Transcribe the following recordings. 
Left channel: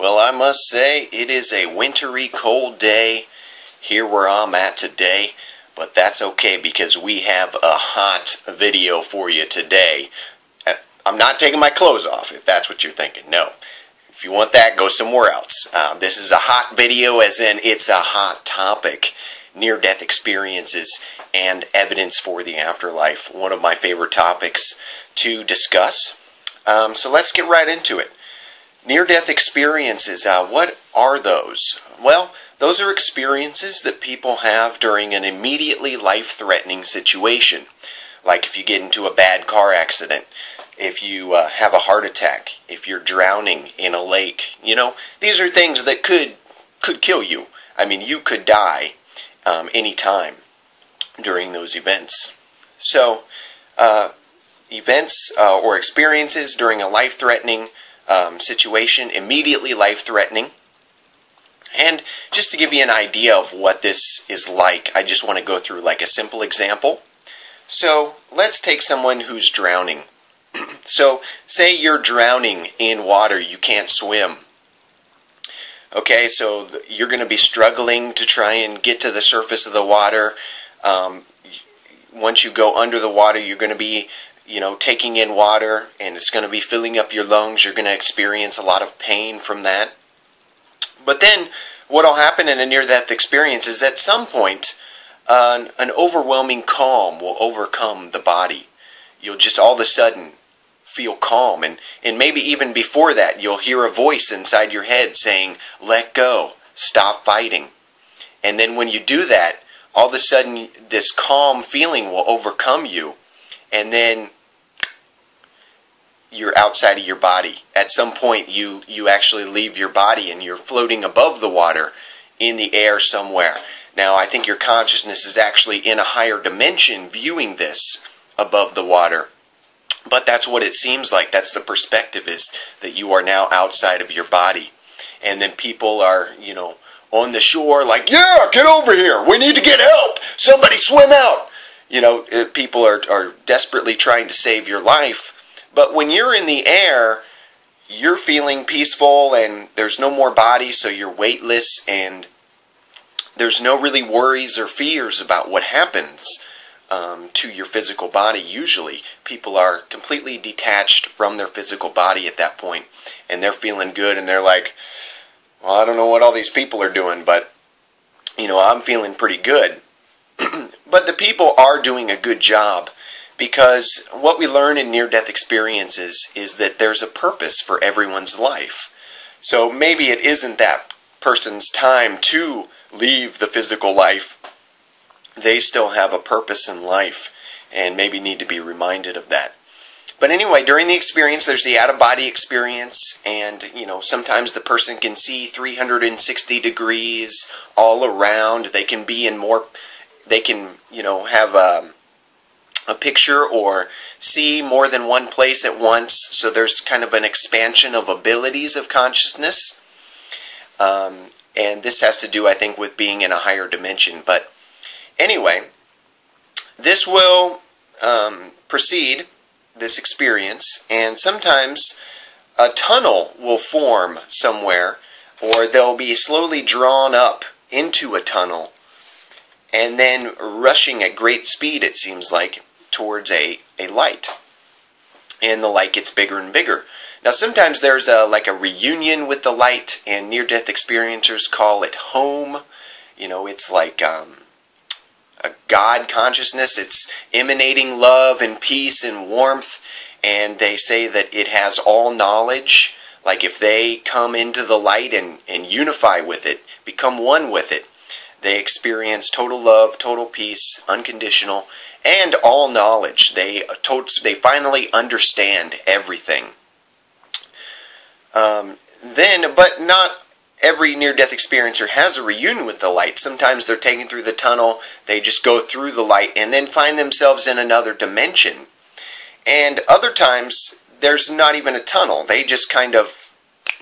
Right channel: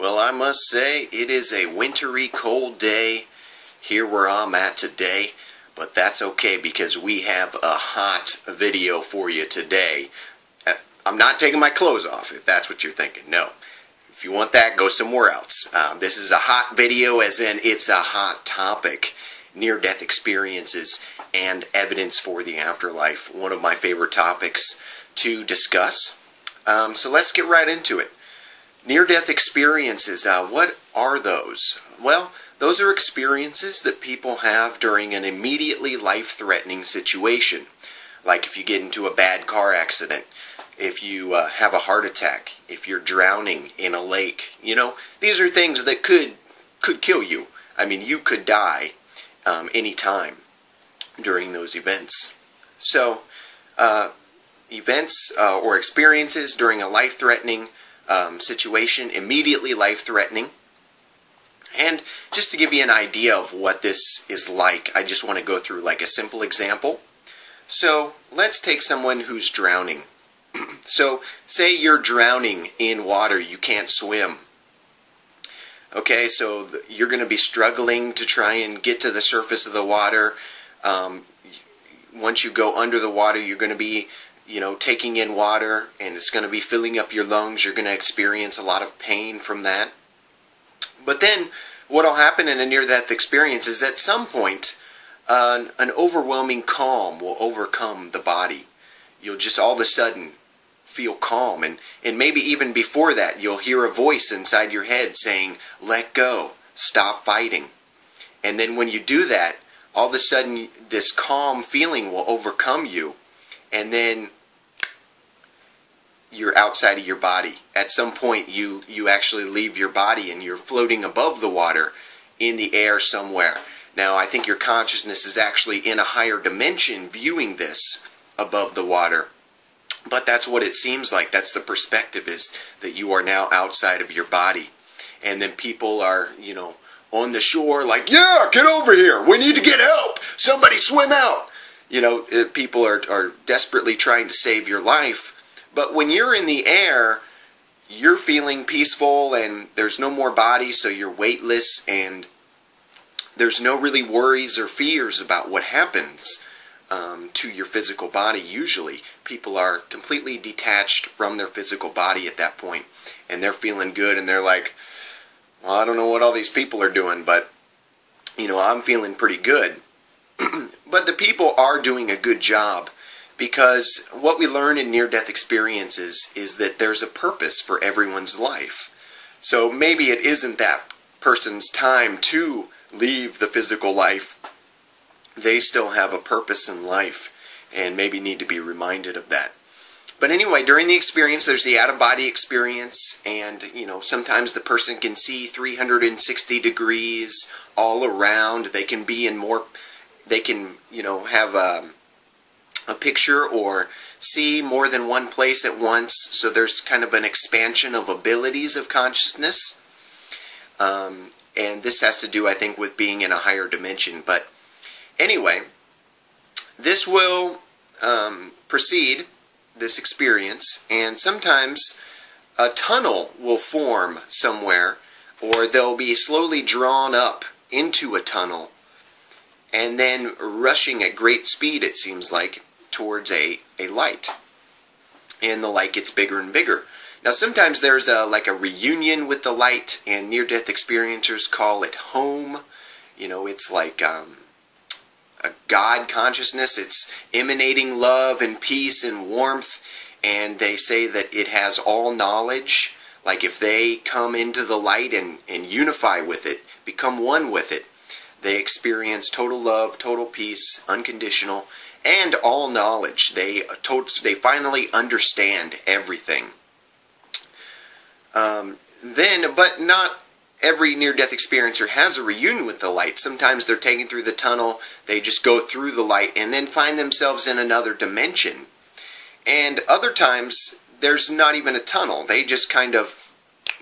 Well, I must say it is a wintry, cold day here where I'm at today, but that's okay because we have a hot video for you today. I'm not taking my clothes off, if that's what you're thinking. No. If you want that, go somewhere else. This is a hot video, as in it's a hot topic. Near-death experiences and evidence for the afterlife. One of my favorite topics to discuss. So let's get right into it. Near-death experiences, what are those? Well, those are experiences that people have during an immediately life-threatening situation. Like if you get into a bad car accident, if you have a heart attack, if you're drowning in a lake. You know, these are things that could kill you. I mean, you could die any time during those events. So, events or experiences during a life-threatening situation, immediately life-threatening. And just to give you an idea of what this is like, I just want to go through like a simple example. So let's take someone who's drowning. So say you're drowning in water, you can't swim. Okay, so you're going to be struggling to try and get to the surface of the water. Once you go under the water, you're going to be taking in water, and it's going to be filling up your lungs. You're going to experience a lot of pain from that. But then, what will happen in a near-death experience is at some point, an overwhelming calm will overcome the body. You'll just all of a sudden feel calm, and maybe even before that, you'll hear a voice inside your head saying, "Let go, stop fighting." And then when you do that, all of a sudden, this calm feeling will overcome you, and then you're outside of your body. At some point, you actually leave your body and you're floating above the water in the air somewhere. Now, I think your consciousness is actually in a higher dimension viewing this above the water. But that's what it seems like. That's the perspective, is that you are now outside of your body. And then people are, on the shore like, "Yeah, get over here. We need to get help. Somebody swim out." People are desperately trying to save your life. But when you're in the air, you're feeling peaceful and there's no more body, so you're weightless and there's no really worries or fears about what happens to your physical body. Usually, people are completely detached from their physical body at that point, and they're feeling good, and they're like, "Well, I don't know what all these people are doing, but, I'm feeling pretty good." But the people are doing a good job, because what we learn in near-death experiences is that there's a purpose for everyone's life. So maybe it isn't that person's time to leave the physical life. They still have a purpose in life and maybe need to be reminded of that. But anyway, during the experience, there's the out-of-body experience, and, sometimes the person can see 360 degrees all around. They can be in more, they can, have a picture or see more than one place at once. So there's kind of an expansion of abilities of consciousness. And this has to do, I think, with being in a higher dimension. But anyway, this will proceed, this experience, and sometimes a tunnel will form somewhere, or they'll be slowly drawn up into a tunnel and then rushing at great speed, it seems like, towards a light. And the light gets bigger and bigger. Now sometimes there's like a reunion with the light, and near-death experiencers call it home. It's like a God consciousness. It's emanating love and peace and warmth, and they say that it has all knowledge. Like if they come into the light and unify with it, become one with it, they experience total love, total peace, unconditional, and all knowledge. They finally understand everything. But not every near-death experiencer has a reunion with the light. Sometimes they're taken through the tunnel, they just go through the light and then find themselves in another dimension. And other times, there's not even a tunnel. They just kind of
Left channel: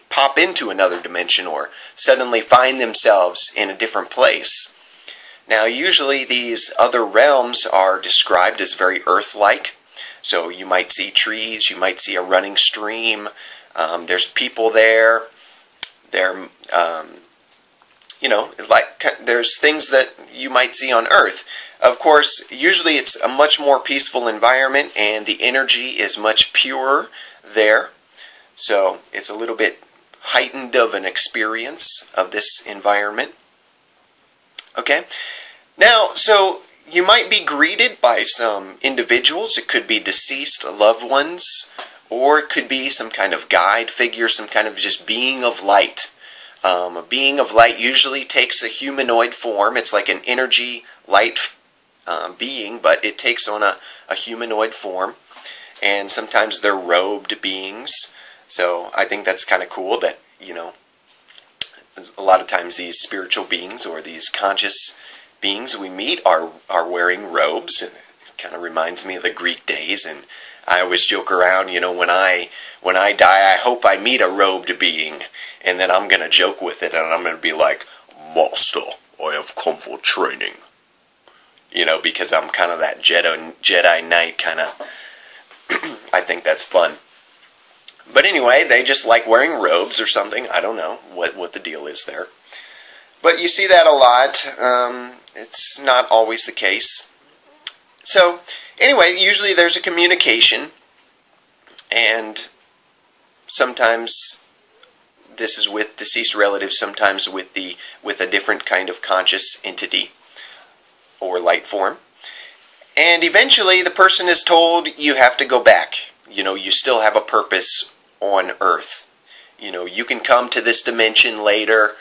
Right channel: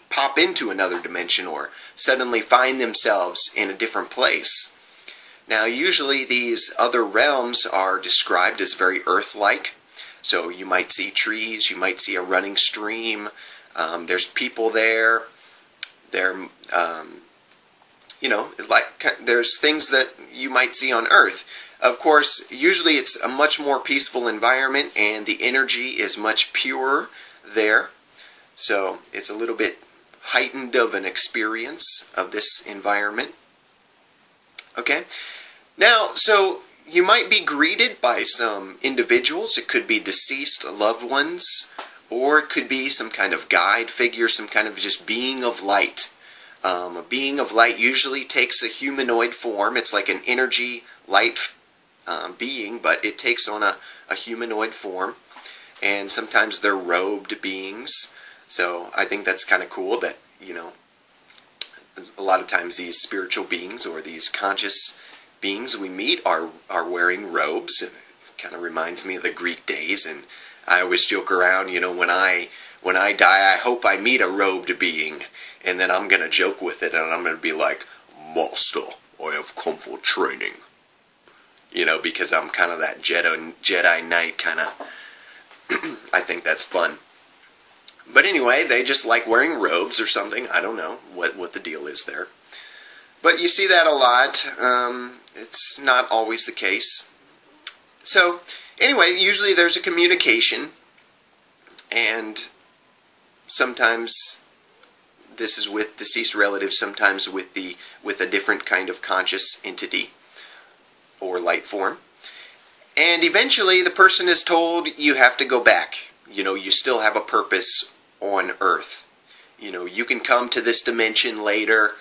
pop into another dimension or suddenly find themselves in a different place. Now, usually these other realms are described as very Earth-like. So you might see trees, you might see a running stream, there's people there. They're, you know, like there's things that you might see on Earth. Of course, usually it's a much more peaceful environment and the energy is much purer there. So it's a little bit heightened of an experience of this environment. Okay? Now, so you might be greeted by some individuals. It could be deceased loved ones, or it could be some kind of guide figure, some kind of just being of light. A being of light usually takes a humanoid form. It's like an energy light being, but it takes on a humanoid form. And sometimes they're robed beings. So I think that's kind of cool that, you know, a lot of times these spiritual beings or these conscious beings we meet are wearing robes. And it kind of reminds me of the Greek days. And I always joke around, you know, when I die, I hope I meet a robed being. And then I'm going to joke with it, and I'm going to be like, Master, I have come for training. You know, because I'm kind of that Jedi Knight kind of. I think that's fun. But anyway, they just like wearing robes or something. I don't know what the deal is there. But you see that a lot. It's not always the case. So, anyway, usually there's a communication. And sometimes this is with deceased relatives, sometimes with a different kind of conscious entity or light form. And eventually the person is told you have to go back. You know, you still have a purpose on Earth. You know, you can come to this dimension later,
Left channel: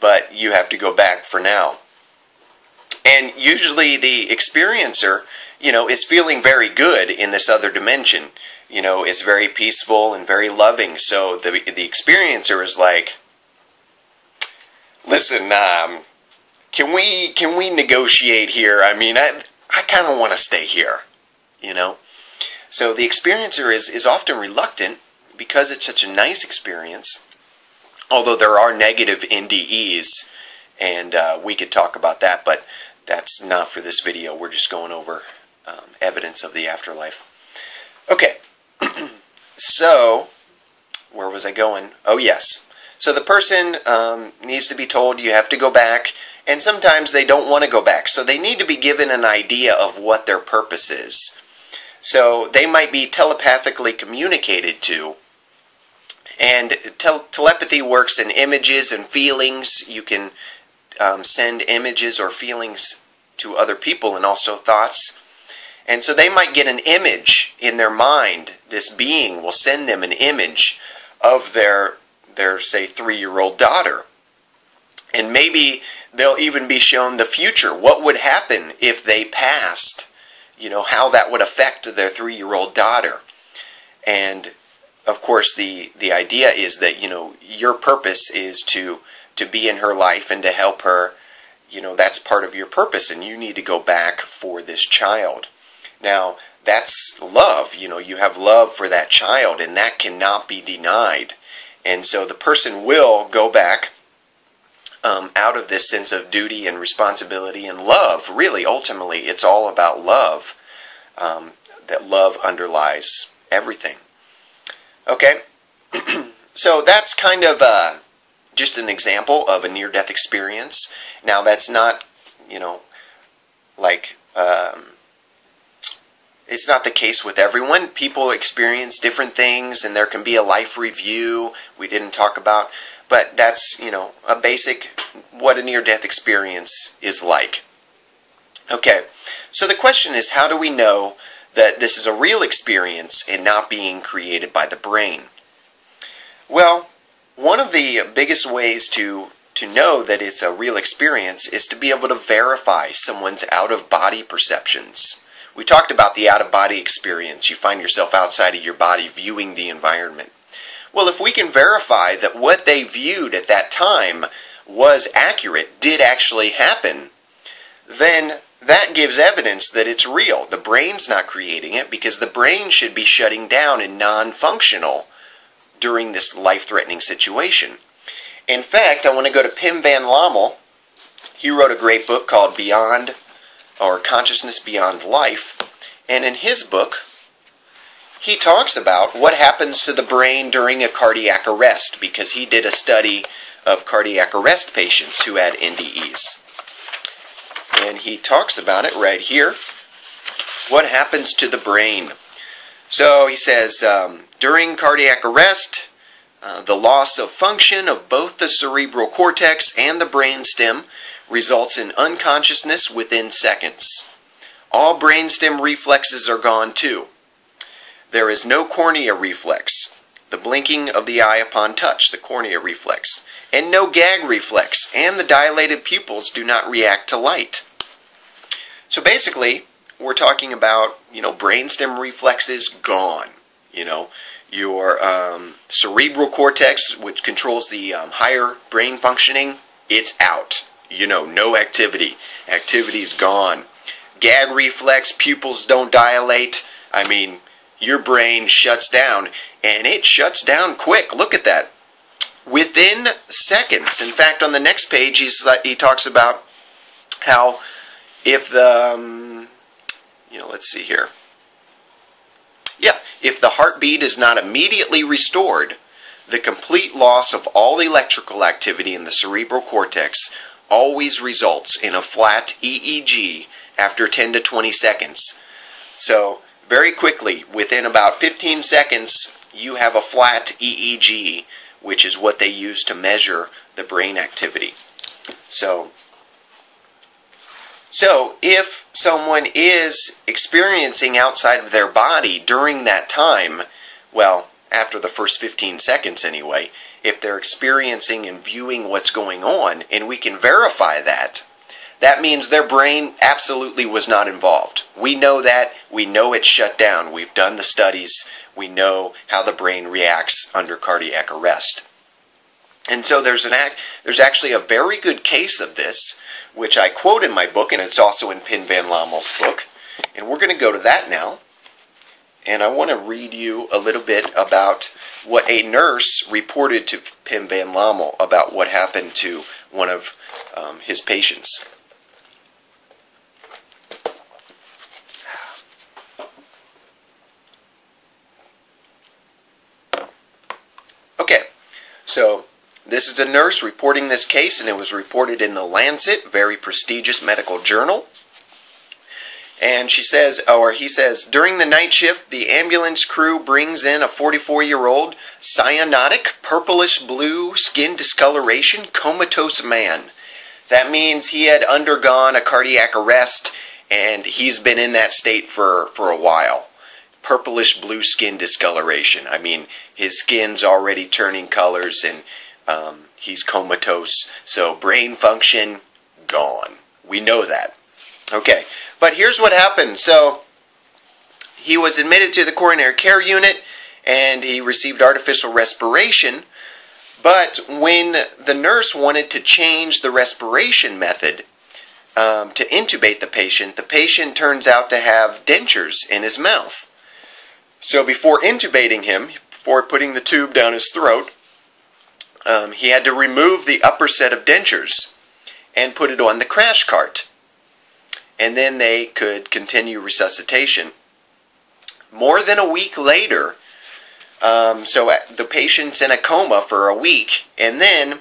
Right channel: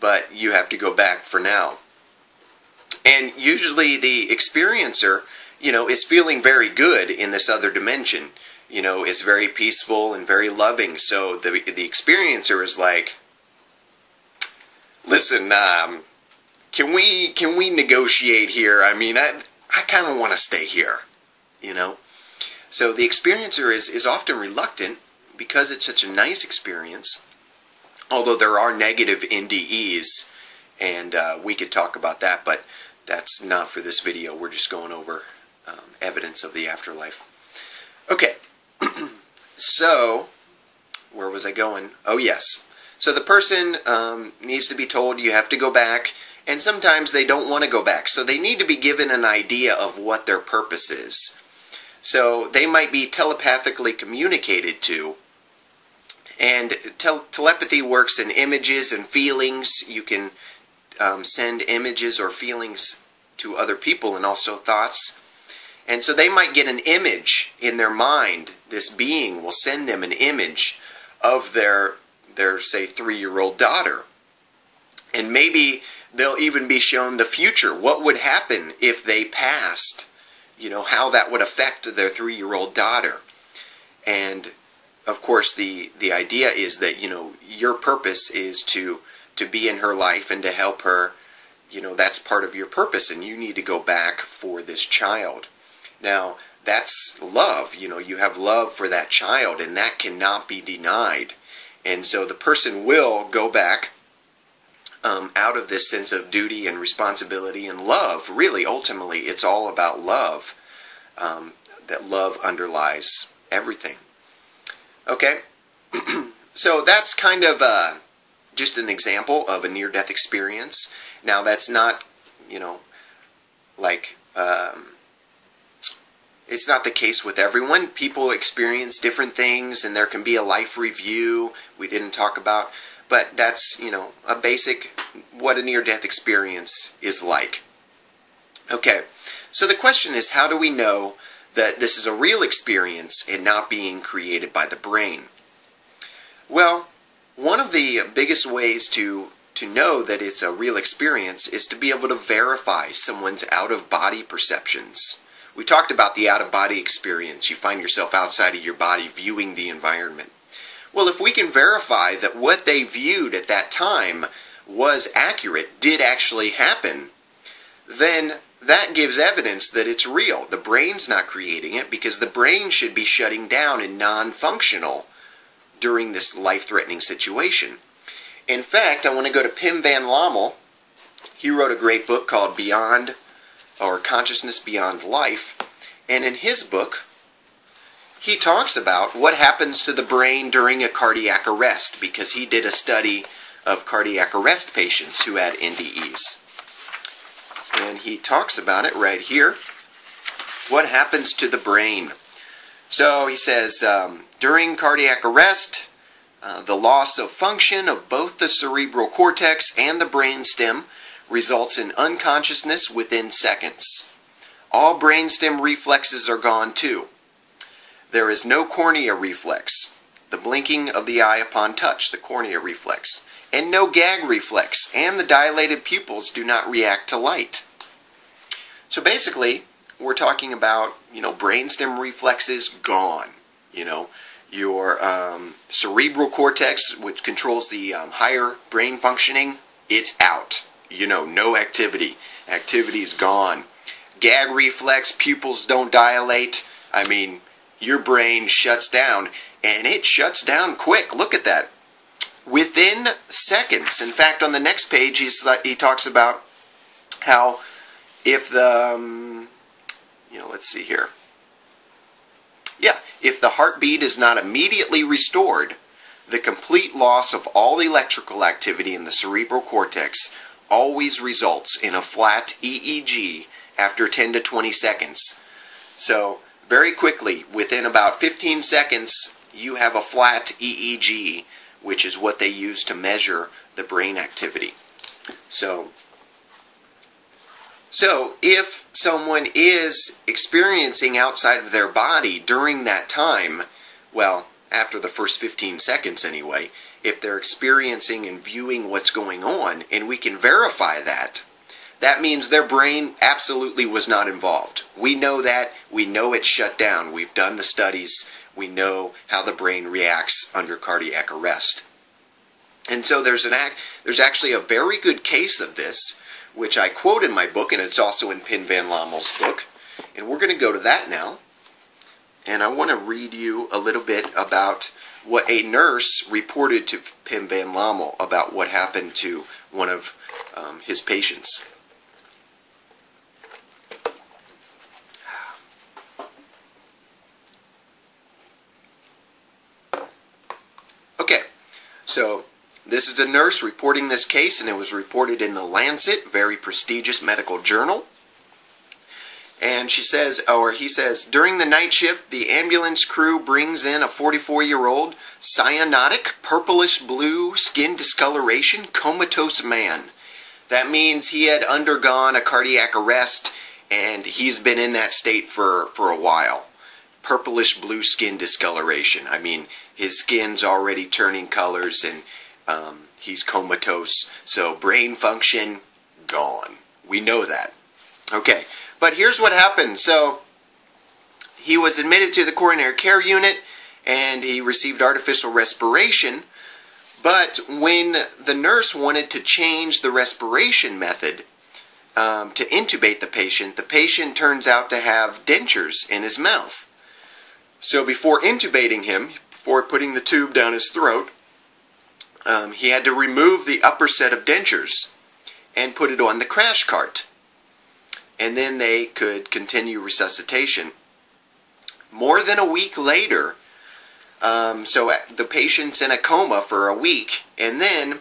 but you have to go back for now. And usually the experiencer, you know, is feeling very good in this other dimension. You know, it's very peaceful and very loving. So the experiencer is like, listen, can we negotiate here? I mean, I kind of want to stay here, you know. So the experiencer is often reluctant because it's such a nice experience. Although there are negative NDEs, and we could talk about that, but that's not for this video. We're just going over evidence of the afterlife. Okay. So, where was I going? Oh, yes. So the person needs to be told you have to go back, and sometimes they don't want to go back. So they need to be given an idea of what their purpose is. So they might be telepathically communicated to, and telepathy works in images and feelings. You can send images or feelings to other people and also thoughts. And so they might get an image in their mind. This being will send them an image of their say, 3-year-old daughter. And maybe they'll even be shown the future. What would happen if they passed? You know, how that would affect their 3-year-old daughter. And, of course, the idea is that, you know, your purpose is to be in her life and to help her. You know, that's part of your purpose, and you need to go back for this child. Now, that's love. You know, you have love for that child, and that cannot be denied. And so the person will go back out of this sense of duty and responsibility and love. Really, ultimately, it's all about love. That love underlies everything. Okay? So that's kind of just an example of a near-death experience. Now, that's not, you know, like... it's not the case with everyone. People experience different things, and there can be a life review we didn't talk about. But that's, you know, a basic what a near-death experience is like. Okay, so the question is, how do we know that this is a real experience and not being created by the brain? Well, one of the biggest ways to know that it's a real experience is to be able to verify someone's out-of-body perceptions. We talked about the out-of-body experience. You find yourself outside of your body viewing the environment. Well, if we can verify that what they viewed at that time was accurate, did actually happen, then that gives evidence that it's real. The brain's not creating it, because the brain should be shutting down and non-functional during this life-threatening situation. In fact, I want to go to Pim Van Lommel. He wrote a great book called Beyond, or Consciousness Beyond Life. And in his book, he talks about what happens to the brain during a cardiac arrest, because he did a study of cardiac arrest patients who had NDEs. And he talks about it right here. What happens to the brain? So he says, during cardiac arrest, the loss of function of both the cerebral cortex and the brainstem results in unconsciousness within seconds. All brainstem reflexes are gone too. There is no cornea reflex, the blinking of the eye upon touch, the cornea reflex, and no gag reflex, and the dilated pupils do not react to light. So basically, we're talking about, brainstem reflexes gone. Your cerebral cortex, which controls the higher brain functioning, it's out. No activity. Activity's gone. Gag reflex, pupils don't dilate. Your brain shuts down, and it shuts down quick. Look at that. Within seconds. In fact, on the next page, he talks about how if the, let's see here. Yeah, if the heartbeat is not immediately restored, the complete loss of all electrical activity in the cerebral cortex always results in a flat EEG after 10 to 20 seconds. So, very quickly, within about 15 seconds, you have a flat EEG, which is what they use to measure the brain activity. So if someone is experiencing outside of their body during that time, well, after the first 15 seconds anyway, if they're experiencing and viewing what's going on, and we can verify that, that means their brain absolutely was not involved. We know that. We know it's shut down. We've done the studies. We know how the brain reacts under cardiac arrest. And so there's actually a very good case of this, which I quote in my book, and it's also in Pim van Lommel's book. And we're going to go to that now. And I want to read you a little bit about what a nurse reported to Pim van Lommel about what happened to one of his patients. Okay, so this is a nurse reporting this case, and it was reported in the Lancet, very prestigious medical journal. And she says, or he says, during the night shift, the ambulance crew brings in a 44-year-old cyanotic, purplish blue, skin discoloration, comatose man. That means he had undergone a cardiac arrest, and he's been in that state for a while. Purplish blue skin discoloration. His skin's already turning colors, and he's comatose. So brain function, gone. We know that. Okay. But here's what happened. So he was admitted to the coronary care unit, and he received artificial respiration. But when the nurse wanted to change the respiration method to intubate the patient turns out to have dentures in his mouth. So before intubating him, before putting the tube down his throat, he had to remove the upper set of dentures and put it on the crash cart. And then they could continue resuscitation. More than a week later, so the patient's in a coma for a week, and then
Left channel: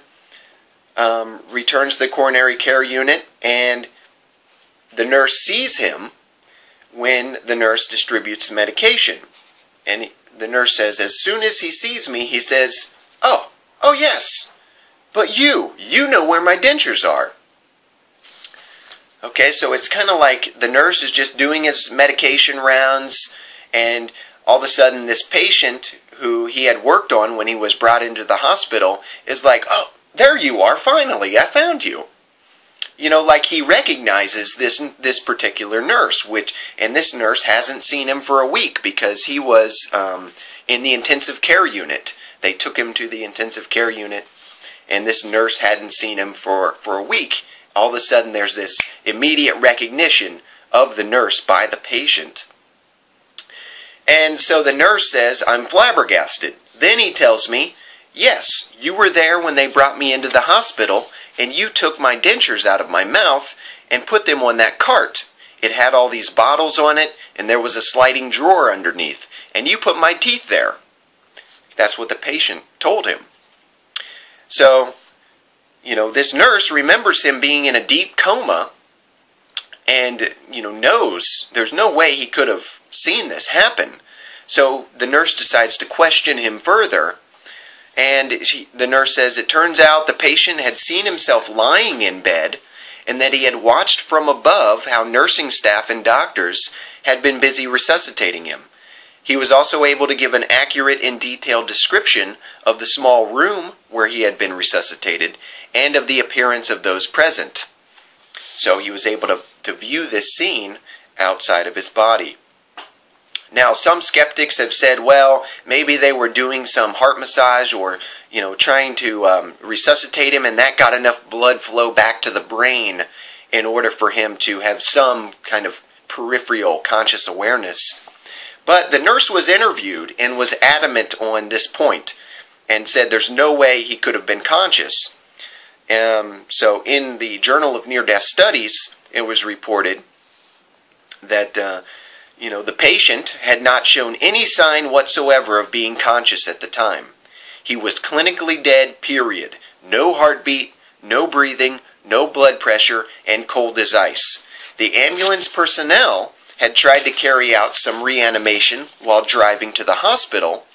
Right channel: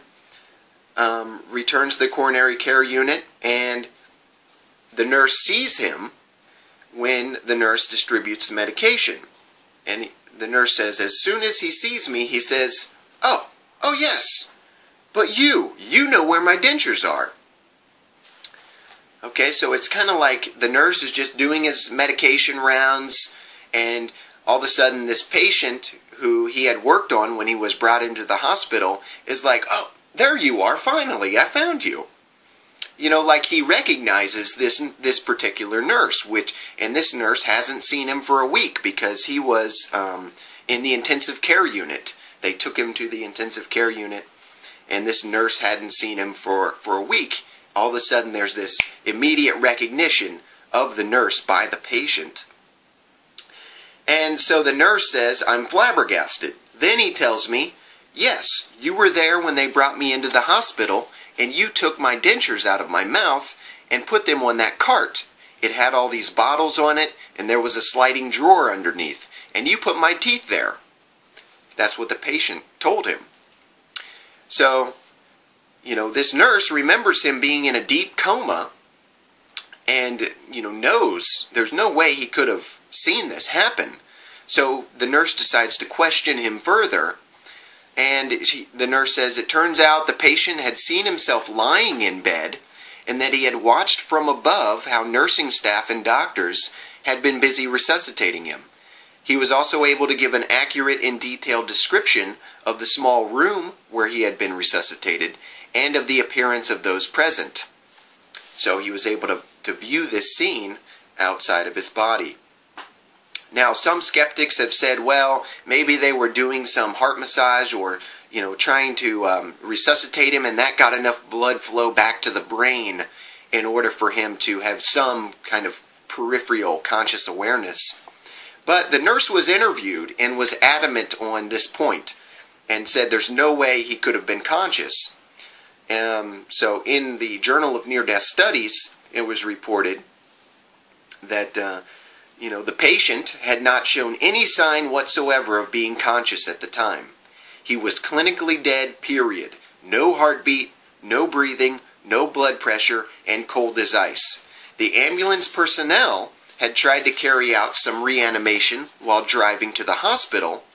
returns to the coronary care unit, and the nurse sees him when the nurse distributes the medication. And the nurse says, as soon as he sees me, he says, oh yes, but you know where my dentures are. Okay, so it's kind of like the nurse is just doing his medication rounds, and all of a sudden this patient who he had worked on when he was brought into the hospital is like, oh, there you are, finally, I found you. Like he recognizes this particular nurse, and this nurse hasn't seen him for a week because he was in the intensive care unit. They took him to the intensive care unit, and this nurse hadn't seen him for a week. All of a sudden there's this immediate recognition of the nurse by the patient. And so the nurse says, I'm flabbergasted. Then he tells me, yes, you were there when they brought me into the hospital, and you took my dentures out of my mouth and put them on that cart. It had all these bottles on it, and there was a sliding drawer underneath. and you put my teeth there. That's what the patient told him. So, this nurse remembers him being in a deep coma and, knows there's no way he could have seen this happen. So the nurse decides to question him further. And the nurse says it turns out the patient had seen himself lying in bed and that he had watched from above how nursing staff and doctors had been busy resuscitating him. He was also able to give an accurate and detailed description of the small room where he had been resuscitated and of the appearance of those present. So he was able to view this scene outside of his body. Now, some skeptics have said, well, maybe they were doing some heart massage or, trying to resuscitate him, and that got enough blood flow back to the brain in order for him to have some kind of peripheral conscious awareness. But the nurse was interviewed and was adamant on this point and said there's no way he could have been conscious. So in the Journal of Near-Death Studies, it was reported that the patient had not shown any sign whatsoever of being conscious at the time. He was clinically dead, period. No heartbeat, no breathing, no blood pressure, and cold as ice. The ambulance personnel had tried to carry out some reanimation while driving to the hospital,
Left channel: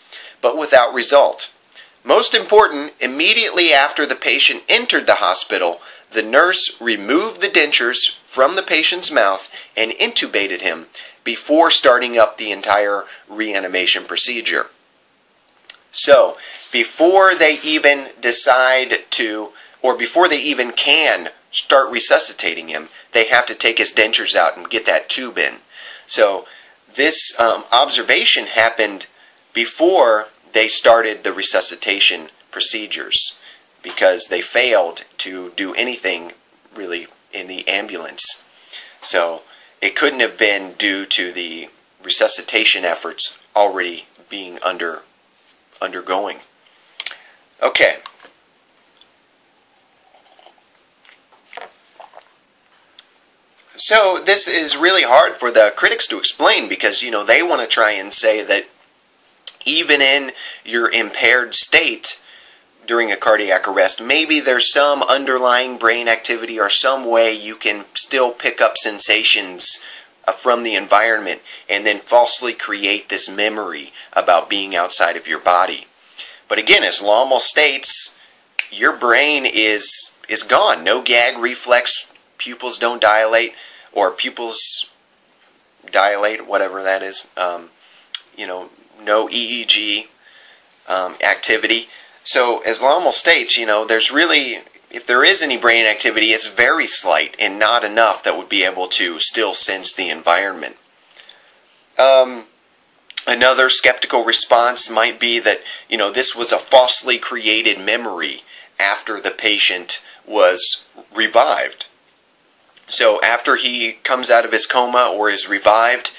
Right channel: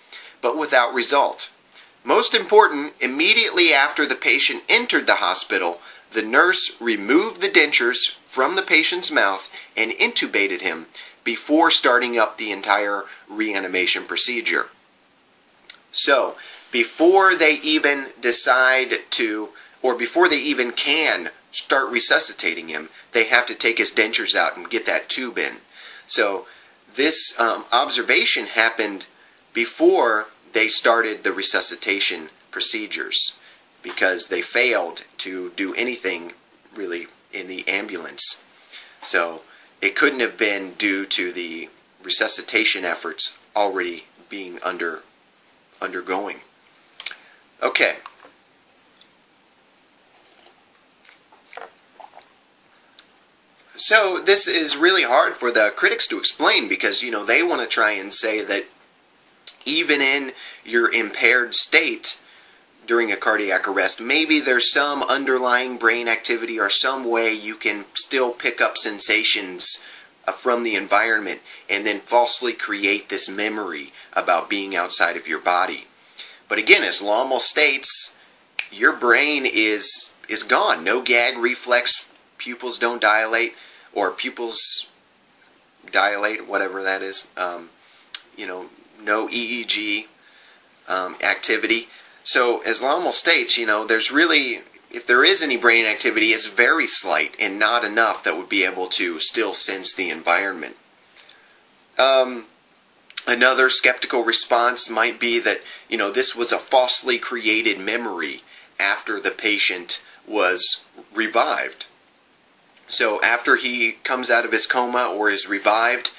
but without result. Most important, immediately after the patient entered the hospital, the nurse removed the dentures from the patient's mouth and intubated him before starting up the entire reanimation procedure. So, before they even decide to, or before they even can start resuscitating him, they have to take his dentures out and get that tube in. So, this observation happened before they started the resuscitation procedures because they failed to do anything really in the ambulance. So, it couldn't have been due to the resuscitation efforts already being undergoing. Okay. So this is really hard for the critics to explain because, they want to try and say that even in your impaired state during a cardiac arrest, maybe there's some underlying brain activity or some way you can still pick up sensations from the environment and then falsely create this memory about being outside of your body. But again, as Lommel states, your brain is gone. No gag reflex, pupils don't dilate, or pupils dilate, whatever that is. No EEG activity. So, as Lommel states, there's really, if there is any brain activity, it's very slight and not enough that would be able to still sense the environment. Another skeptical response might be that, this was a falsely created memory after the patient was revived. So, after he comes out of his coma or is revived,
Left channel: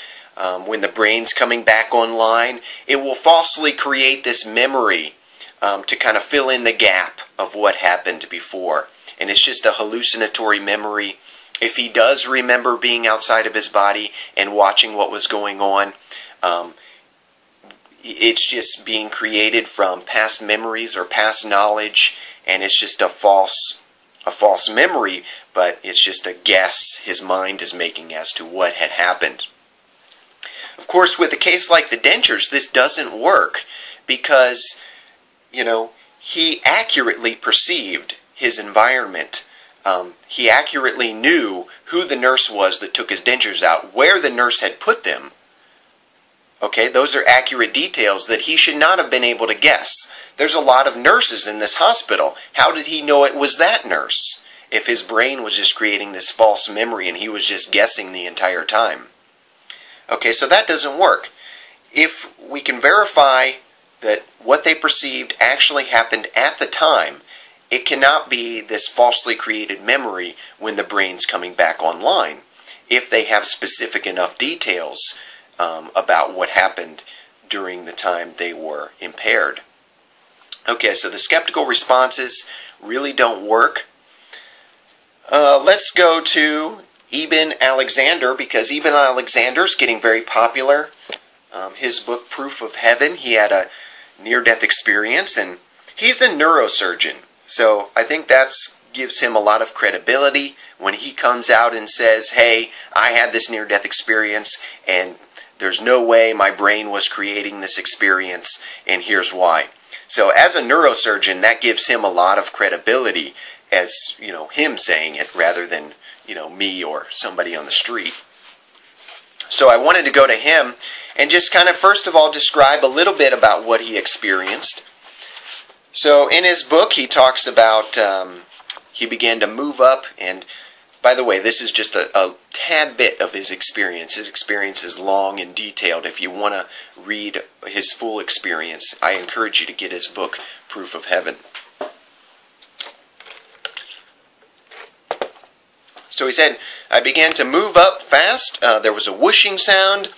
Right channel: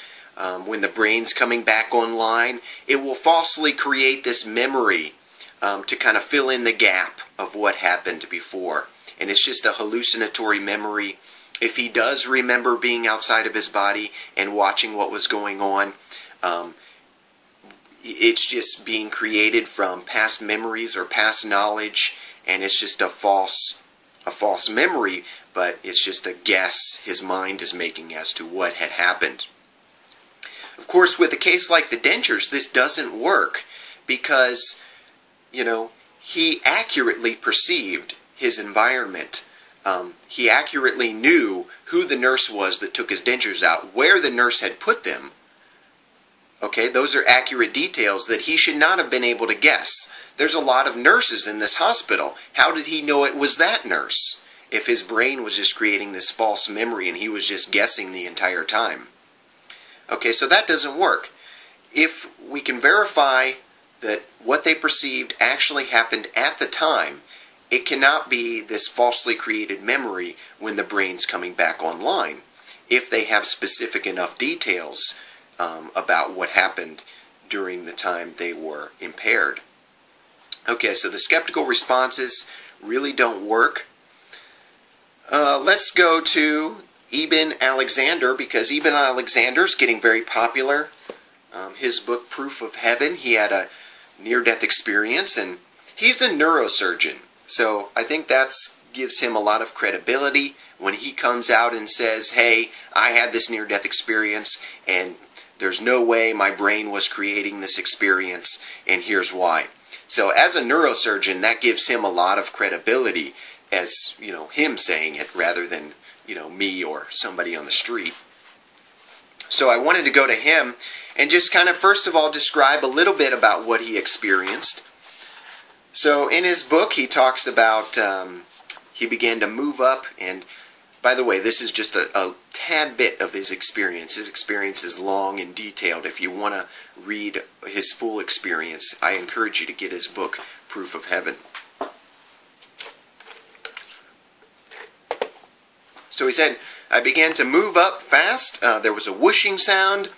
when the brain's coming back online, it will falsely create this memory to kind of fill in the gap of what happened before. And it's just a hallucinatory memory. If he does remember being outside of his body and watching what was going on, it's just being created from past memories or past knowledge, and it's just a false memory, but it's just a guess his mind is making as to what had happened. Of course, with a case like the dentures, this doesn't work because he accurately perceived his environment. He accurately knew who the nurse was that took his dentures out, where the nurse had put them. Okay, those are accurate details that he should not have been able to guess. There's a lot of nurses in this hospital. How did he know it was that nurse if his brain was just creating this false memory and he was just guessing the entire time? Okay, so that doesn't work. If we can verify that what they perceived actually happened at the time, it cannot be this falsely created memory when the brain's coming back online, if they have specific enough details about what happened during the time they were impaired. Okay, so the skeptical responses really don't work. Let's go to Ibn Alexander, because Ibn Alexander's getting very popular his book, Proof of Heaven. He had a near-death experience, and he's a neurosurgeon. So I think that gives him a lot of credibility when he comes out and says, hey, I had this near-death experience, and there's no way my brain was creating this experience, and here's why. So as a neurosurgeon, that gives him a lot of credibility as, him saying it rather than, me or somebody on the street. So I wanted to go to him and just kind of, first of all, describe a little bit about what he experienced. So in his book, he talks about he began to move up, and by the way, this is just a tad bit of his experience. His experience is long and detailed. If you want to read his full experience, I encourage you to get his book, Proof of Heaven. So he said, I began to move up fast. There was a whooshing sound,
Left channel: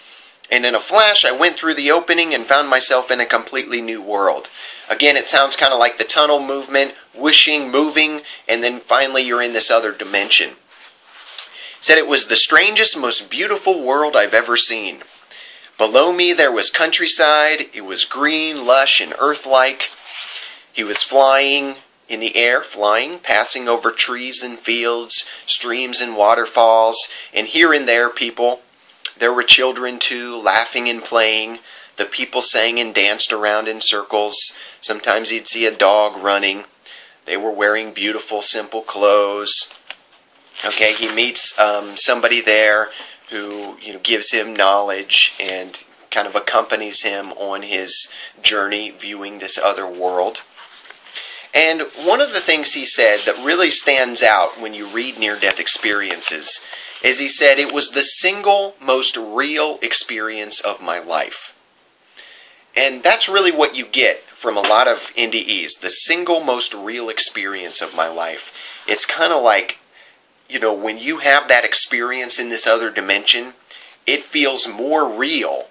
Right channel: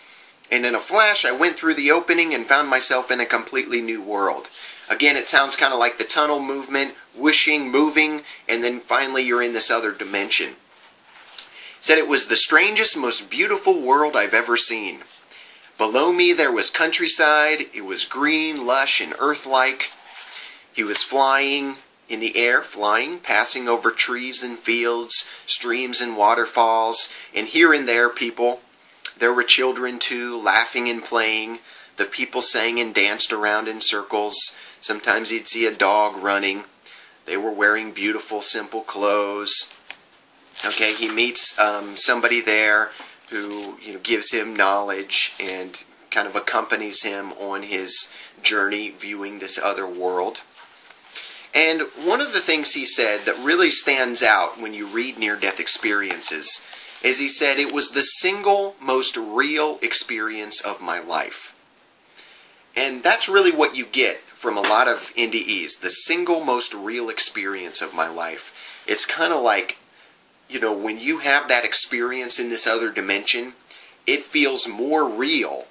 and in a flash, I went through the opening and found myself in a completely new world. Again, it sounds kind of like the tunnel movement, whooshing, moving, and then finally you're in this other dimension. He said it was the strangest, most beautiful world I've ever seen. Below me there was countryside. It was green, lush, and earth-like. He was flying in the air, passing over trees and fields, streams and waterfalls, and here and there people. There were children too, laughing and playing. The people sang and danced around in circles. Sometimes he'd see a dog running. They were wearing beautiful, simple clothes. Okay, he meets somebody there who gives him knowledge and kind of accompanies him on his journey viewing this other world. And one of the things he said that really stands out when you read near-death experiences is he said, it was the single most real experience of my life. And that's really what you get from a lot of NDEs, the single most real experience of my life. It's kind of like, when you have that experience in this other dimension, it feels more real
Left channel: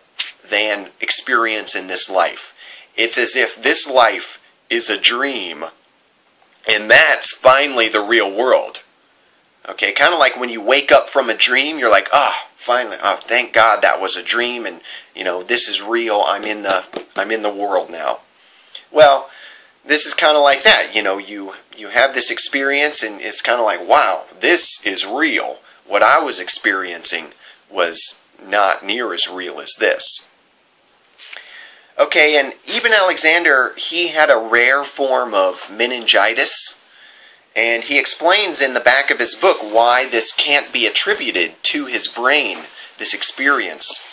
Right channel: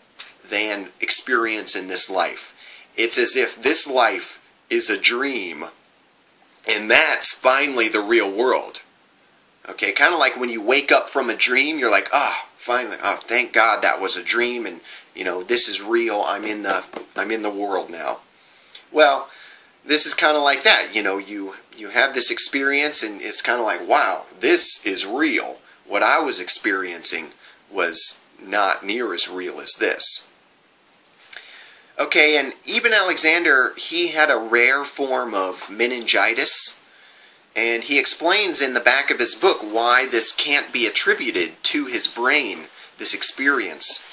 than experience in this life. It's as if this life is a dream, and that's finally the real world. Okay, kind of like when you wake up from a dream, you're like, finally, thank God that was a dream, and this is real. I'm in the world now. Well, this is kind of like that. You have this experience, and it's kind of like, wow, this is real. What I was experiencing was not near as real as this. Okay, and Eben Alexander, he had a rare form of meningitis, and he explains in the back of his book why this can't be attributed to his brain, this experience.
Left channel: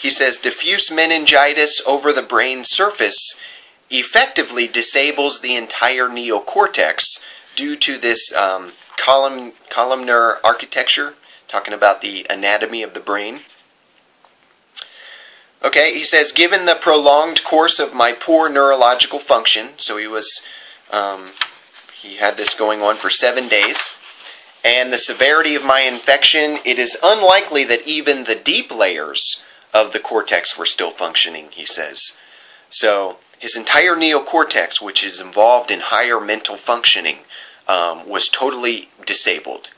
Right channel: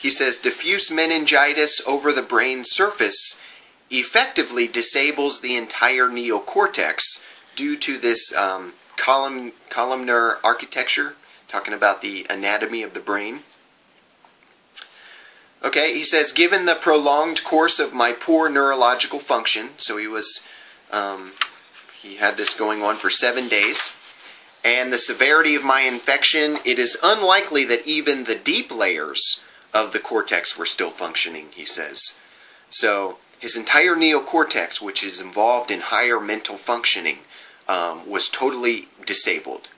He says, diffuse meningitis over the brain surface effectively disables the entire neocortex due to this columnar architecture, talking about the anatomy of the brain. Okay, he says, given the prolonged course of my poor neurological function, so he had this going on for 7 days, and the severity of my infection, it is unlikely that even the deep layers of the cortex were still functioning, he says. So his entire neocortex, which is involved in higher mental functioning, was totally disabled.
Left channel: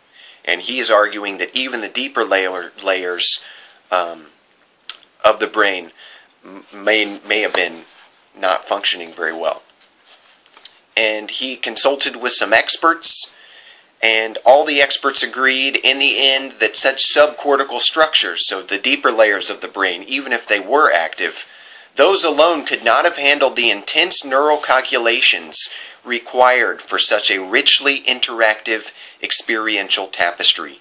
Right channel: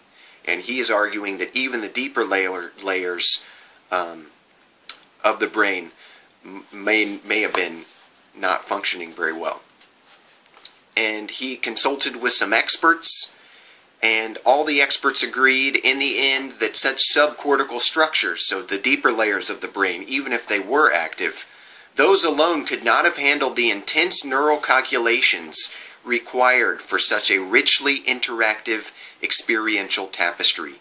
And he is arguing that even the deeper layers of the brain may have been not functioning very well. And he consulted with some experts, and all the experts agreed in the end that such subcortical structures, so the deeper layers of the brain, even if they were active, those alone could not have handled the intense neural calculations required for such a richly interactive experiential tapestry.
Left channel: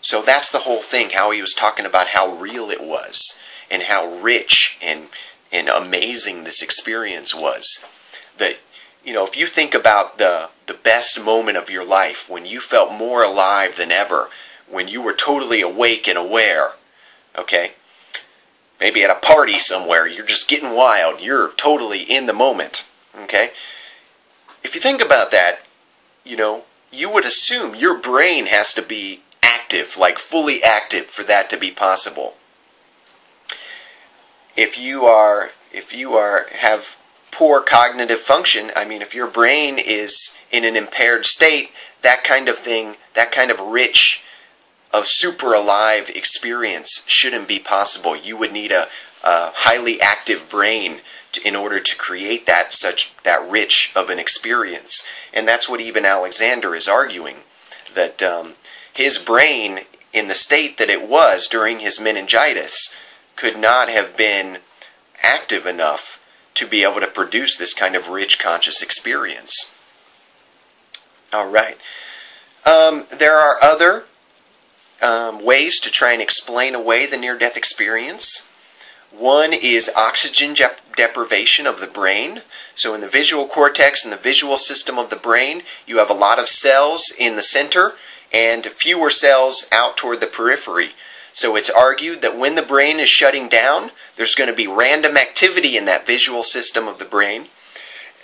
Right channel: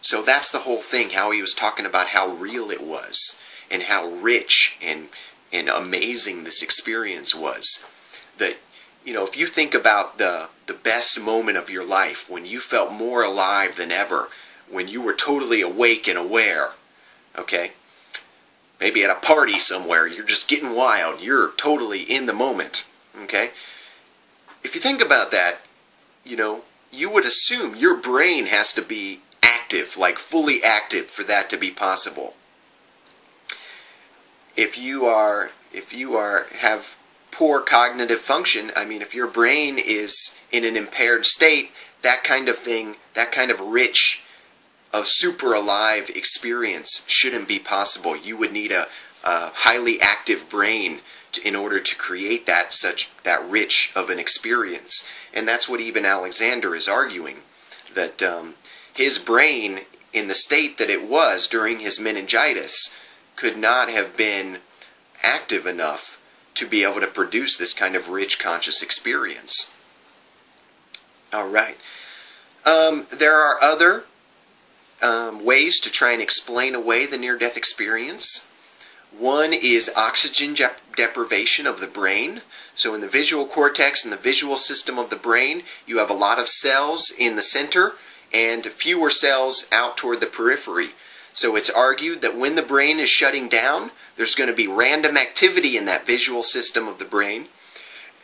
So that's the whole thing, how he was talking about how real it was and how rich and amazing this experience was. That, if you think about the best moment of your life, when you felt more alive than ever, when you were totally awake and aware, okay? Maybe at a party somewhere, you're just getting wild, you're totally in the moment, okay? If you think about that, you would assume your brain has to be active, like fully active, for that to be possible. If you have poor cognitive function, if your brain is in an impaired state, that kind of thing, that kind of rich a super alive experience shouldn't be possible. You would need a highly active brain in order to create that rich of an experience. And that's what even Alexander is arguing, that his brain, in the state that it was during his meningitis, could not have been active enough to be able to produce this kind of rich conscious experience. All right. There are other ways to try and explain away the near-death experience. One is oxygen deprivation of the brain. So in the visual cortex and the visual system of the brain, you have a lot of cells in the center and fewer cells out toward the periphery. So it's argued that when the brain is shutting down, there's going to be random activity in that visual system of the brain.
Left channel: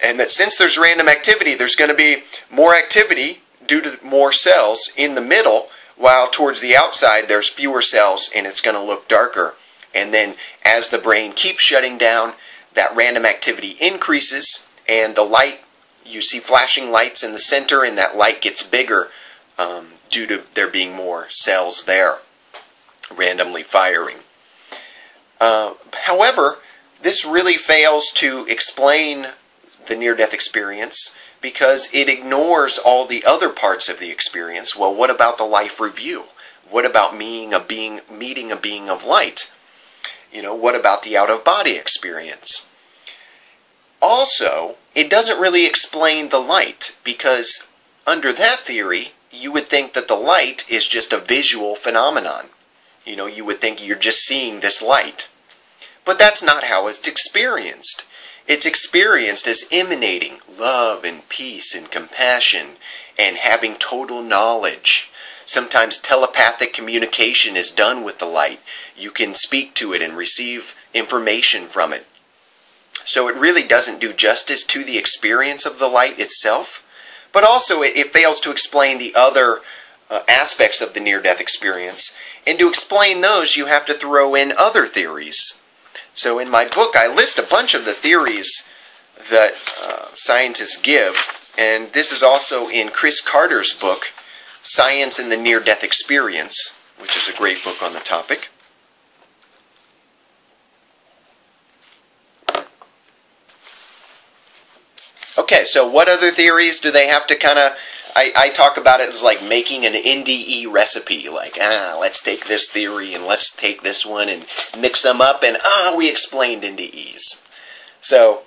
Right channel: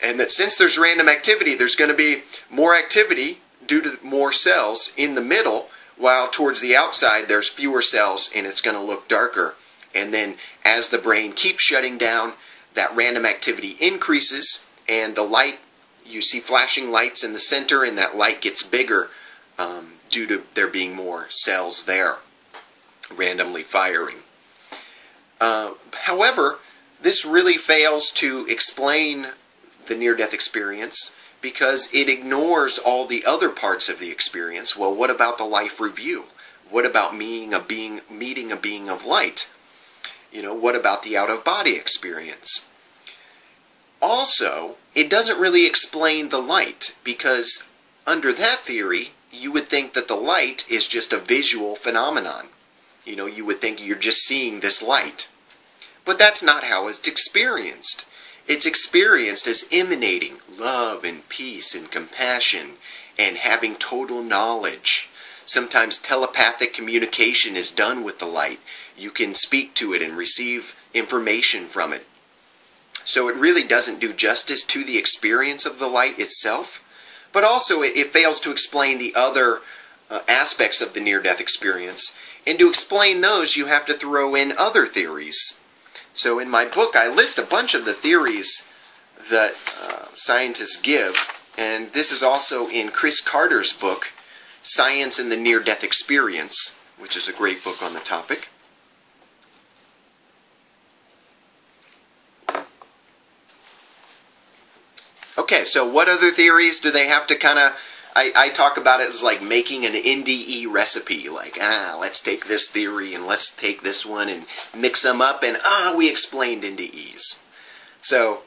And that since there's random activity, there's going to be more activity due to more cells in the middle, while towards the outside there's fewer cells and it's going to look darker. And then as the brain keeps shutting down, that random activity increases, and the light, you see flashing lights in the center, and that light gets bigger due to there being more cells there, randomly firing. However, this really fails to explain the near-death experience because it ignores all the other parts of the experience. Well, what about the life review? What about meeting a being of light? What about the out-of-body experience? Also, it doesn't really explain the light, because under that theory, you would think that the light is just a visual phenomenon. You would think you're just seeing this light. But that's not how it's experienced. It's experienced as emanating love and peace and compassion and having total knowledge. Sometimes telepathic communication is done with the light. You can speak to it and receive information from it. So it really doesn't do justice to the experience of the light itself, but also it fails to explain the other aspects of the near-death experience. And to explain those, you have to throw in other theories. So in my book, I list a bunch of the theories that scientists give, and this is also in Chris Carter's book, Science and the Near-Death Experience, which is a great book on the topic. Okay, so what other theories do they have to kind of... I talk about it as like making an NDE recipe. Like, let's take this theory and let's take this one and mix them up and, we explained NDEs. So,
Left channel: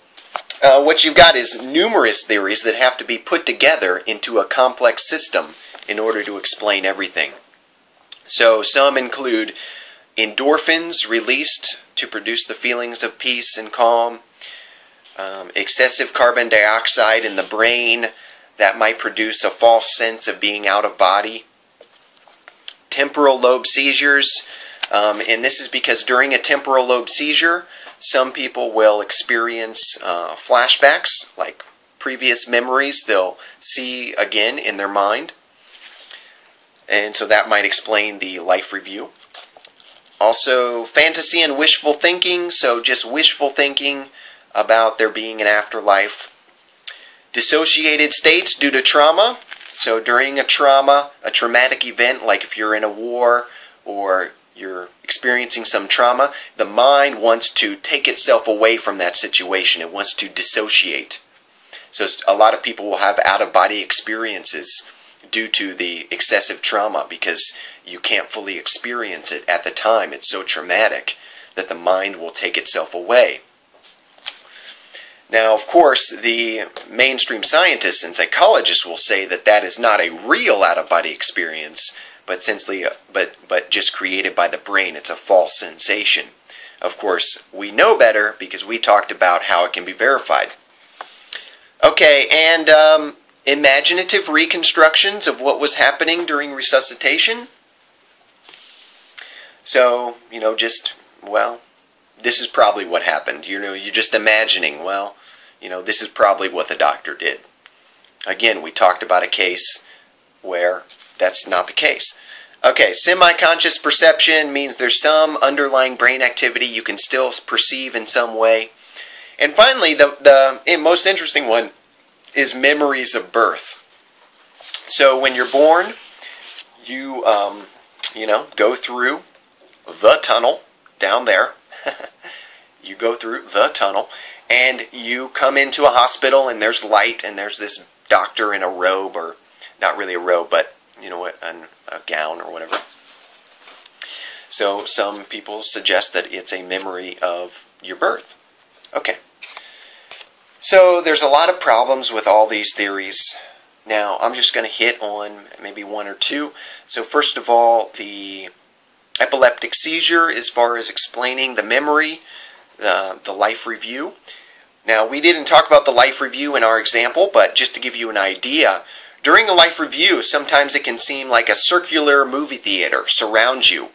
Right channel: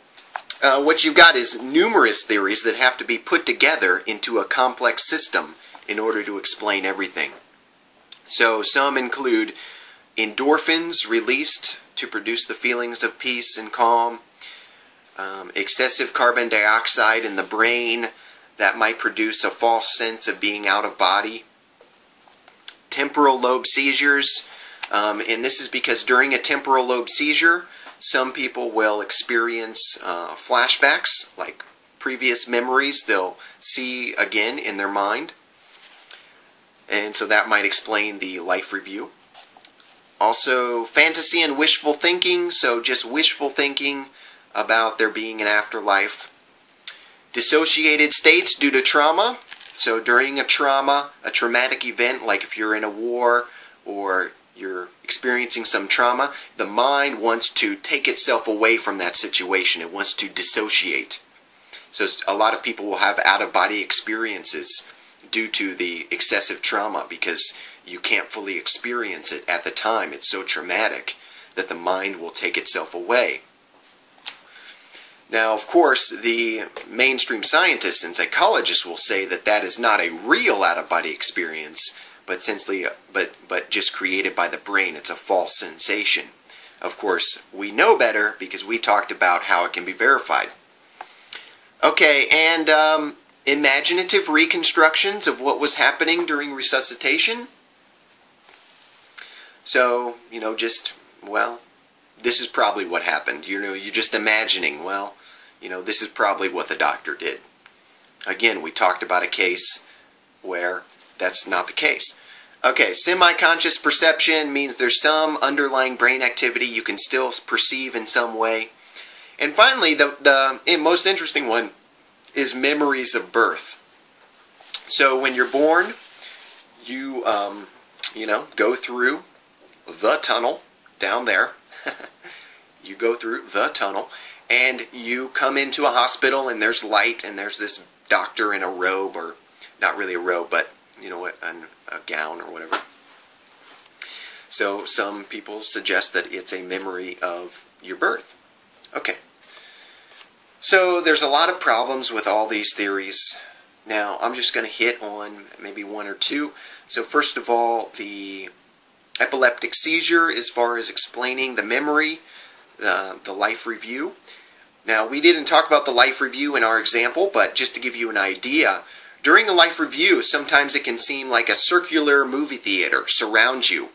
what you've got is numerous theories that have to be put together into a complex system in order to explain everything. So, some include endorphins released to produce the feelings of peace and calm, excessive carbon dioxide in the brain that might produce a false sense of being out of body, temporal lobe seizures, and this is because during a temporal lobe seizure, some people will experience flashbacks, like previous memories they'll see again in their mind, and so that might explain the life review. Also, fantasy and wishful thinking, so just wishful thinking about there being an afterlife. Dissociated states due to trauma. So during a traumatic event, like if you're in a war or you're experiencing some trauma, the mind wants to take itself away from that situation. It wants to dissociate. So a lot of people will have out-of-body experiences due to the excessive trauma because you can't fully experience it at the time. It's so traumatic that the mind will take itself away. Now, of course, the mainstream scientists and psychologists will say that that is not a real out-of-body experience, but just created by the brain. It's a false sensation. Of course, we know better because we talked about how it can be verified. Okay, and imaginative reconstructions of what was happening during resuscitation. So, this is probably what happened. You're just imagining, this is probably what the doctor did. Again, we talked about a case where that's not the case. Okay, semi-conscious perception means there's some underlying brain activity you can still perceive in some way. And finally, the most interesting one is memories of birth. So when you're born, you go through the tunnel down there. You go through the tunnel, and you come into a hospital, and there's light, and there's this doctor in a robe, or not really a robe, but a gown or whatever. So some people suggest that it's a memory of your birth. Okay. So there's a lot of problems with all these theories. Now I'm just going to hit on maybe one or two. So first of all, the epileptic seizure, as far as explaining the memory, the life review. Now, we didn't talk about the life review in our example, but just to give you an idea, during a life review, sometimes it can seem like a circular movie theater surrounds you,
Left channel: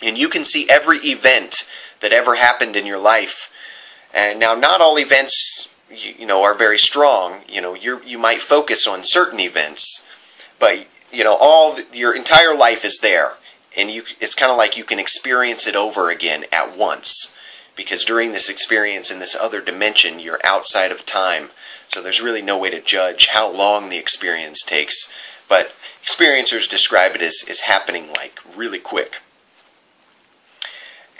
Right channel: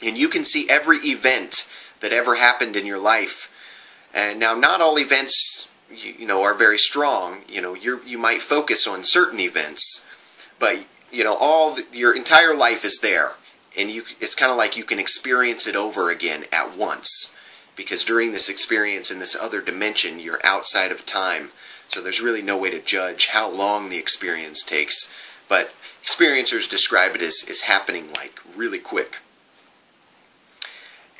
and you can see every event that ever happened in your life. And now, not all events, are very strong. You might focus on certain events, but your entire life is there, and it's kind of like you can experience it over again at once. Because during this experience in this other dimension, you're outside of time. So there's really no way to judge how long the experience takes. But experiencers describe it as happening like really quick.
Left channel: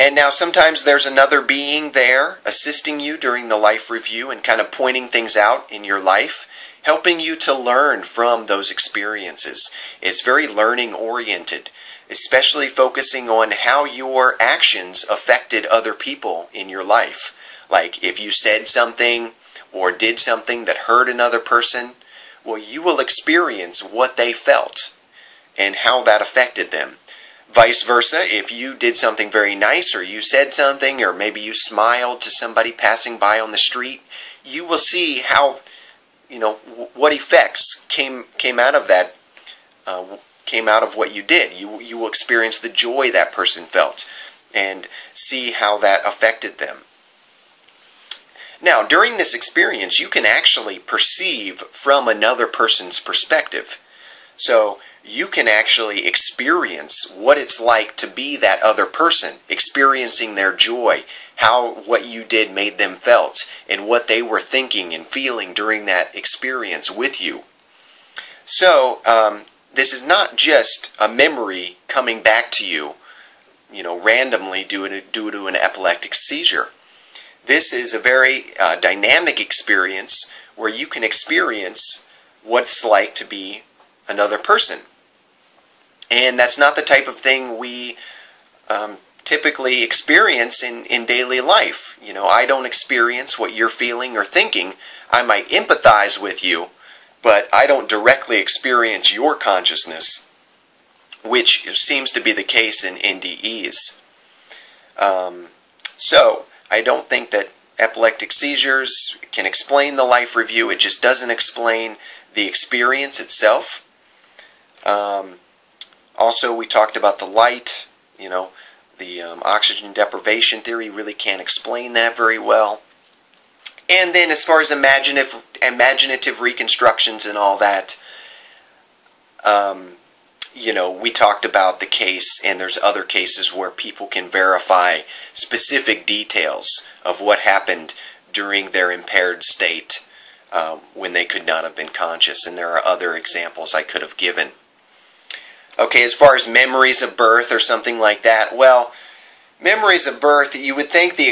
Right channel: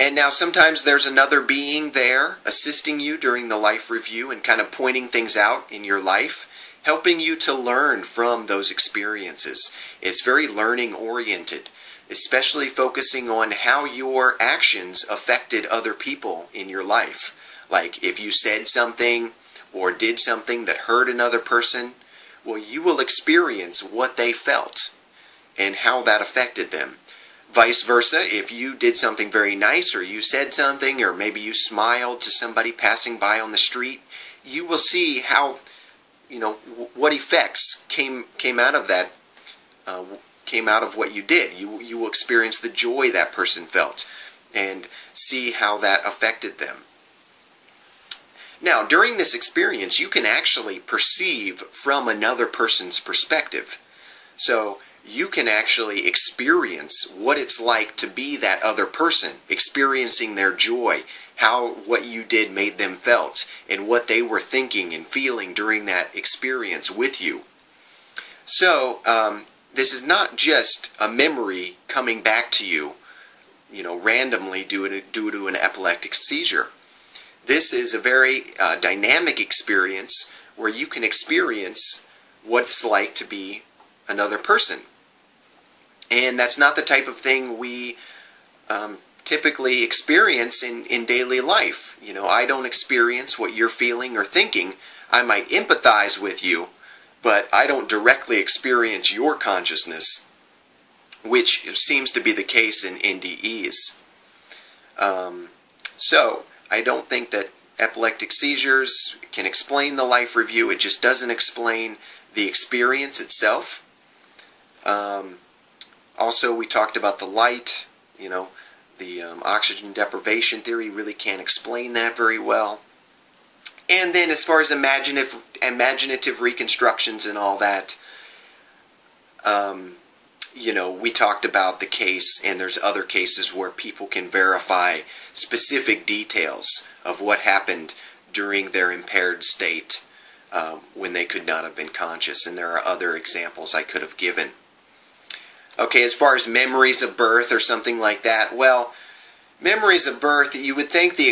And now sometimes there's another being there assisting you during the life review and kind of pointing things out in your life, helping you to learn from those experiences. It's very learning oriented, especially focusing on how your actions affected other people in your life. Like if you said something or did something that hurt another person, well, you will experience what they felt and how that affected them. Vice versa, if you did something very nice, or you said something, or maybe you smiled to somebody passing by on the street, you will see how, what effects came out of that, came out of what you did. You will experience the joy that person felt and see how that affected them. Now, during this experience, you can actually perceive from another person's perspective. So you can actually experience what it's like to be that other person, experiencing their joy, how what you did made them felt, and what they were thinking and feeling during that experience with you. So, this is not just a memory coming back to you, randomly due to an epileptic seizure. This is a very dynamic experience where you can experience what it's like to be another person. And that's not the type of thing we typically experience in daily life. I don't experience what you're feeling or thinking. I might empathize with you, but I don't directly experience your consciousness, which seems to be the case in NDEs. So, I don't think that epileptic seizures can explain the life review. It just doesn't explain the experience itself. Also, we talked about the light. The oxygen deprivation theory really can't explain that very well. And then as far as imaginative reconstructions and all that, we talked about the case, and there's other cases where people can verify specific details of what happened during their impaired state when they could not have been conscious. And there are other examples I could have given. Okay, as far as memories of birth or something like that, well, memories of birth, you would think the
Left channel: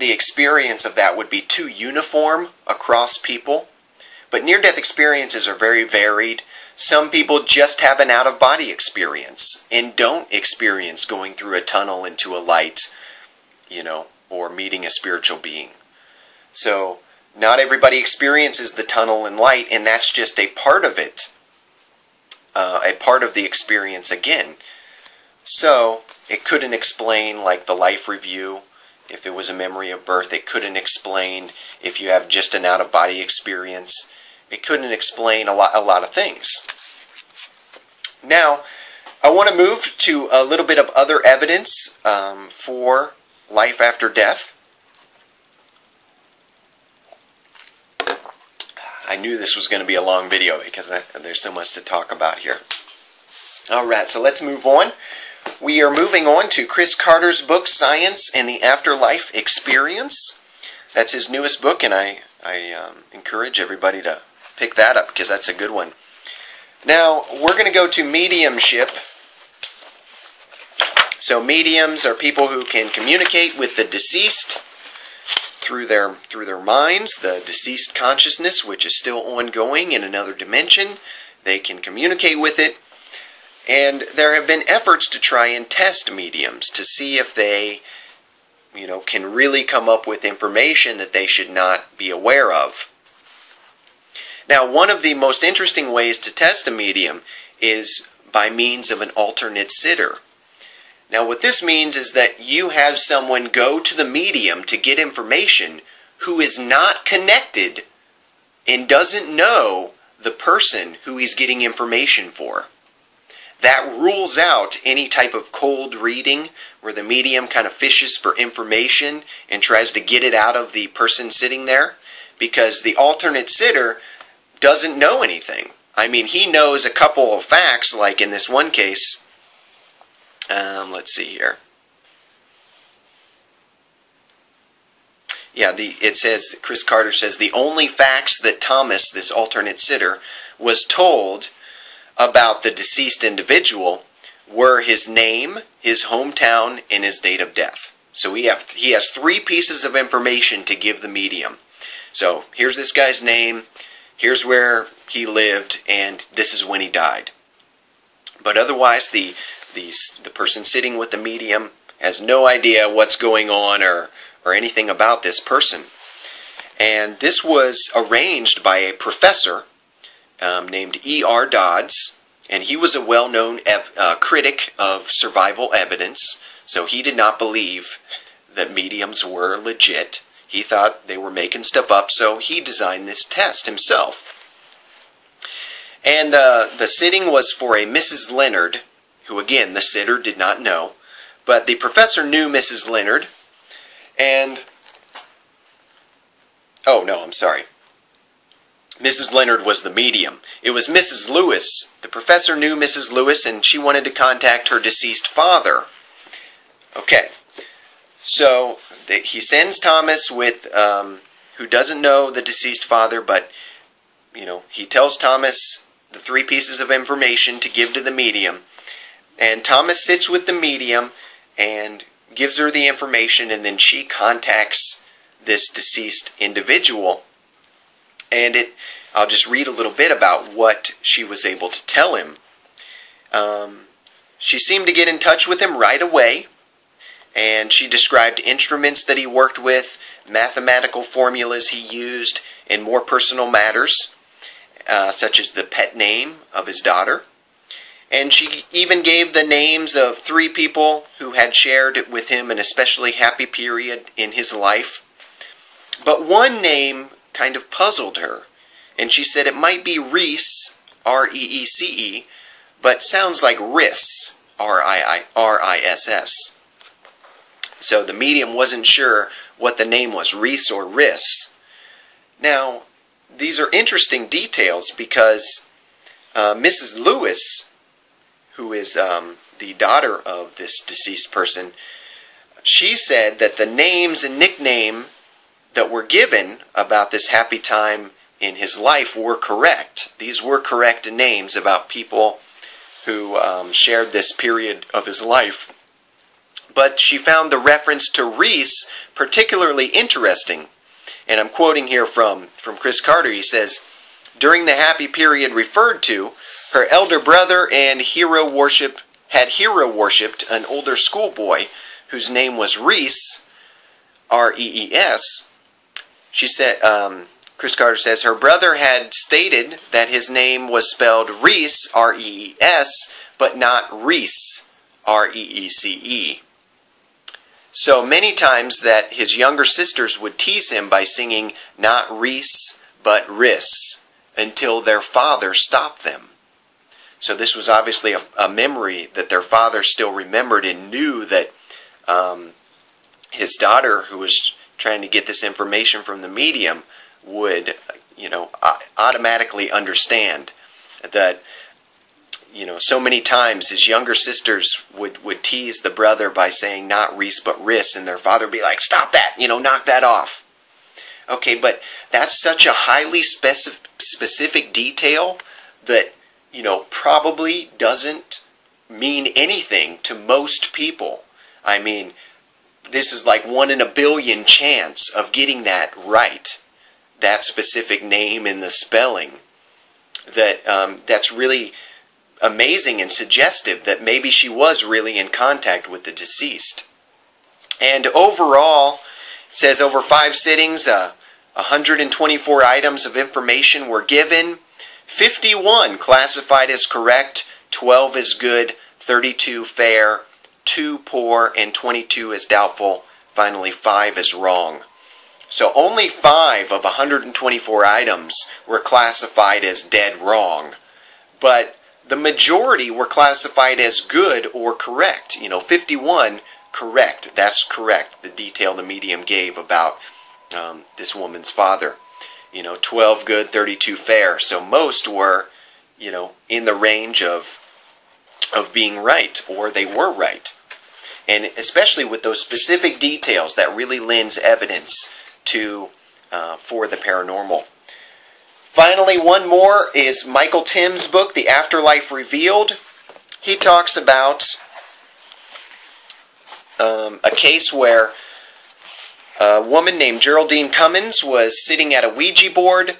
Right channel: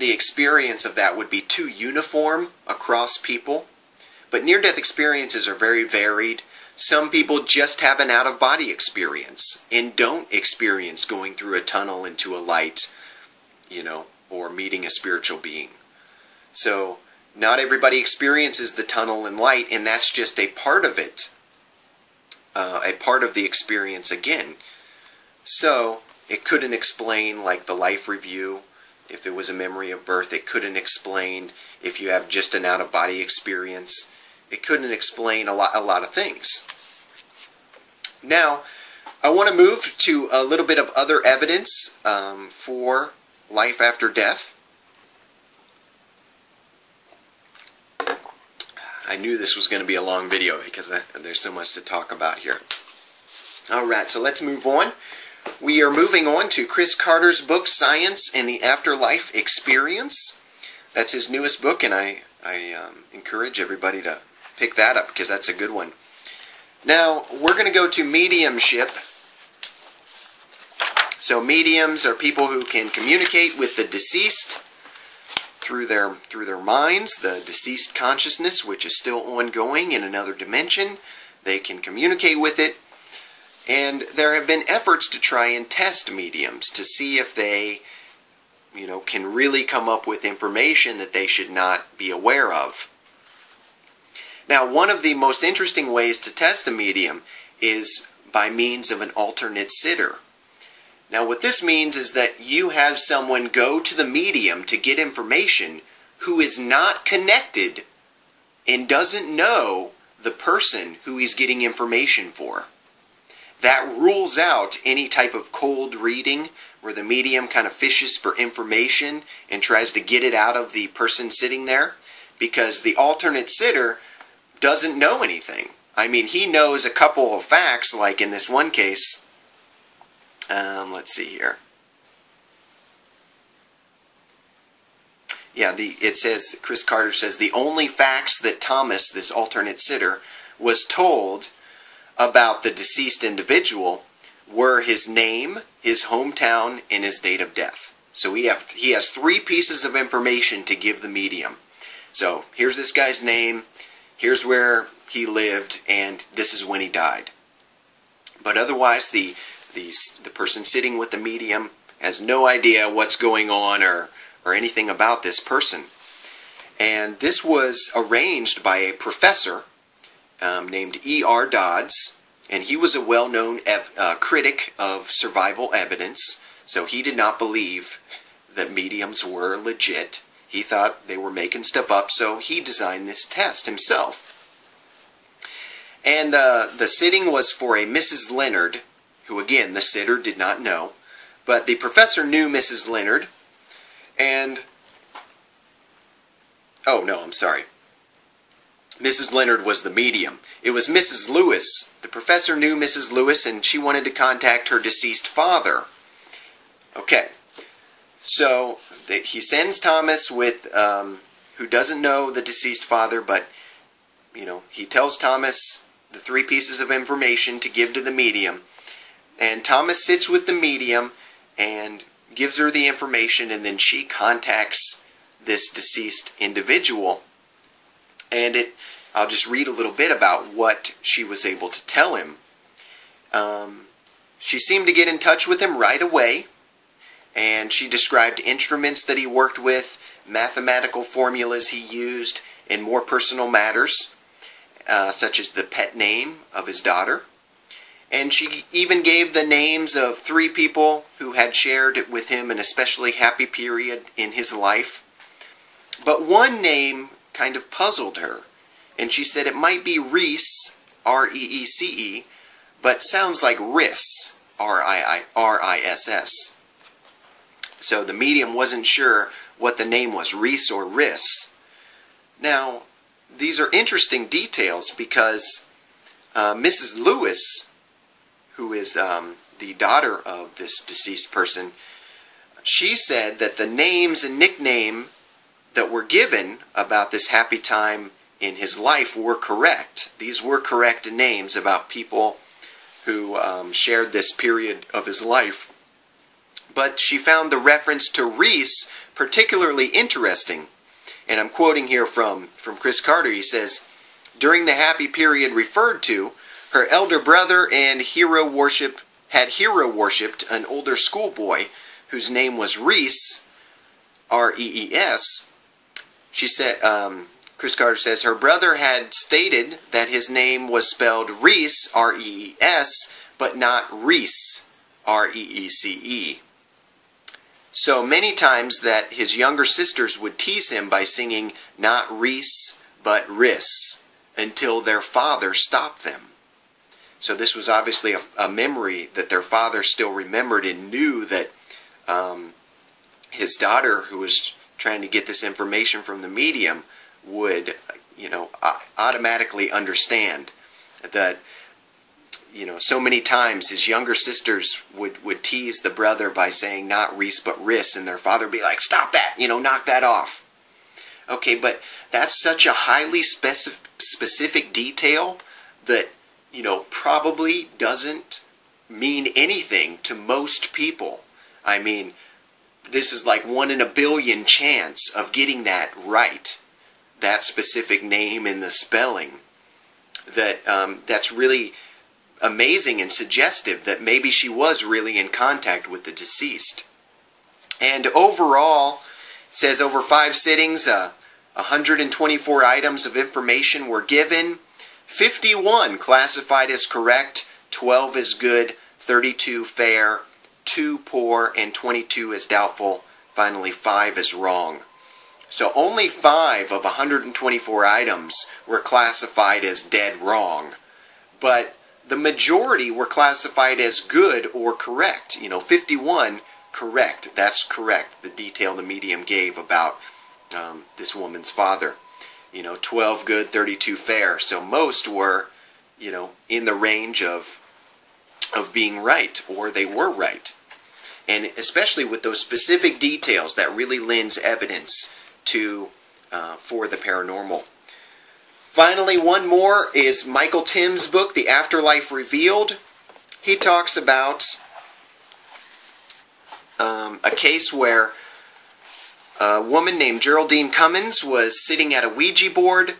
experience of that would be too uniform across people. But near-death experiences are very varied. Some people just have an out-of-body experience and don't experience going through a tunnel into a light, or meeting a spiritual being. So, not everybody experiences the tunnel and light, and that's just a part of it. A part of the experience again. So, it couldn't explain like the life review. If it was a memory of birth, it couldn't explain if you have just an out-of-body experience. It couldn't explain a lot of things. Now, I want to move to a little bit of other evidence for life after death. I knew this was going to be a long video because there's so much to talk about here. Alright, so let's move on. We are moving on to Chris Carter's book, Science and the Afterlife Experience. That's his newest book, and I encourage everybody to pick that up because that's a good one. Now, we're going to go to mediumship. So mediums are people who can communicate with the deceased through their minds, the deceased consciousness, which is still ongoing in another dimension. They can communicate with it. And there have been efforts to try and test mediums to see if they, can really come up with information that they should not be aware of. Now, one of the most interesting ways to test a medium is by means of an alternate sitter. Now, what this means is that you have someone go to the medium to get information who is not connected and doesn't know the person who he's getting information for. That rules out any type of cold reading where the medium kind of fishes for information and tries to get it out of the person sitting there, because the alternate sitter doesn't know anything. I mean, he knows a couple of facts, like in this one case. Let's see here. Yeah, it says, Chris Carter says, the only facts that Thomas, this alternate sitter, was told about the deceased individual were his name, his hometown, and his date of death. So he has 3 pieces of information to give the medium. So here's this guy's name, here's where he lived, and this is when he died. But otherwise, the person sitting with the medium has no idea what's going on or anything about this person. And this was arranged by a professor named E.R. Dodds, and he was a well-known critic of survival evidence, so he did not believe that mediums were legit. He thought they were making stuff up, so he designed this test himself. And the sitting was for a Mrs. Leonard, who, again, the sitter did not know, but the professor knew Mrs. Leonard, and... oh, no, I'm sorry. Mrs. Leonard was the medium. It was Mrs. Lewis. The professor knew Mrs. Lewis, and she wanted to contact her deceased father. Okay, so he sends Thomas with, who doesn't know the deceased father, but, he tells Thomas the 3 pieces of information to give to the medium. And Thomas sits with the medium and gives her the information, and then she contacts this deceased individual. And I'll just read a little bit about what she was able to tell him. She seemed to get in touch with him right away, and she described instruments that he worked with, mathematical formulas he used, and more personal matters, such as the pet name of his daughter. And she even gave the names of 3 people who had shared with him an especially happy period in his life. But one name kind of puzzled her, and she said it might be Reese, R-E-E-C-E, but sounds like Riss, R-I-S-S. So the medium wasn't sure what the name was, Reese or Riss. Now, these are interesting details because Mrs. Lewis, who is the daughter of this deceased person, she said that the names and nickname that were given about this happy time in his life were correct. These were correct names about people who shared this period of his life. But she found the reference to Reese particularly interesting. And I'm quoting here from Chris Carter. He says, during the happy period referred to, her elder brother and had hero worshipped an older schoolboy whose name was Reese, R-E-E-S. She said, Chris Carter says, her brother had stated that his name was spelled Reese, R-E-E-S, but not Reese, R-E-E-C-E. So many times that his younger sisters would tease him by singing not Reese, but Riss, until their father stopped them. So this was obviously a memory that their father still remembered and knew that his daughter, who was trying to get this information from the medium, would, automatically understand that, so many times his younger sisters would tease the brother by saying not Reese but Riss, and their father would be like, stop that, knock that off. Okay, but that's such a highly specific detail that, probably doesn't mean anything to most people. I mean, this is like 1 in a billion chance of getting that right, that specific name in the spelling. That's really amazing and suggestive that maybe she was really in contact with the deceased. And overall, it says over 5 sittings, 124 items of information were given. 51 classified as correct, 12 as good, 32 fair, 2 poor, and 22 as doubtful. Finally, 5 as wrong. So only 5 of 124 items were classified as dead wrong. But the majority were classified as good or correct. 51 correct. That's correct. The detail the medium gave about this woman's father. 12 good, 32 fair. So most were, in the range of being right, or they were right. And especially with those specific details, that really lends evidence to for the paranormal. Finally, one more is Michael Tim's book, The Afterlife Revealed. He talks about a case where a woman named Geraldine Cummins was sitting at a Ouija board,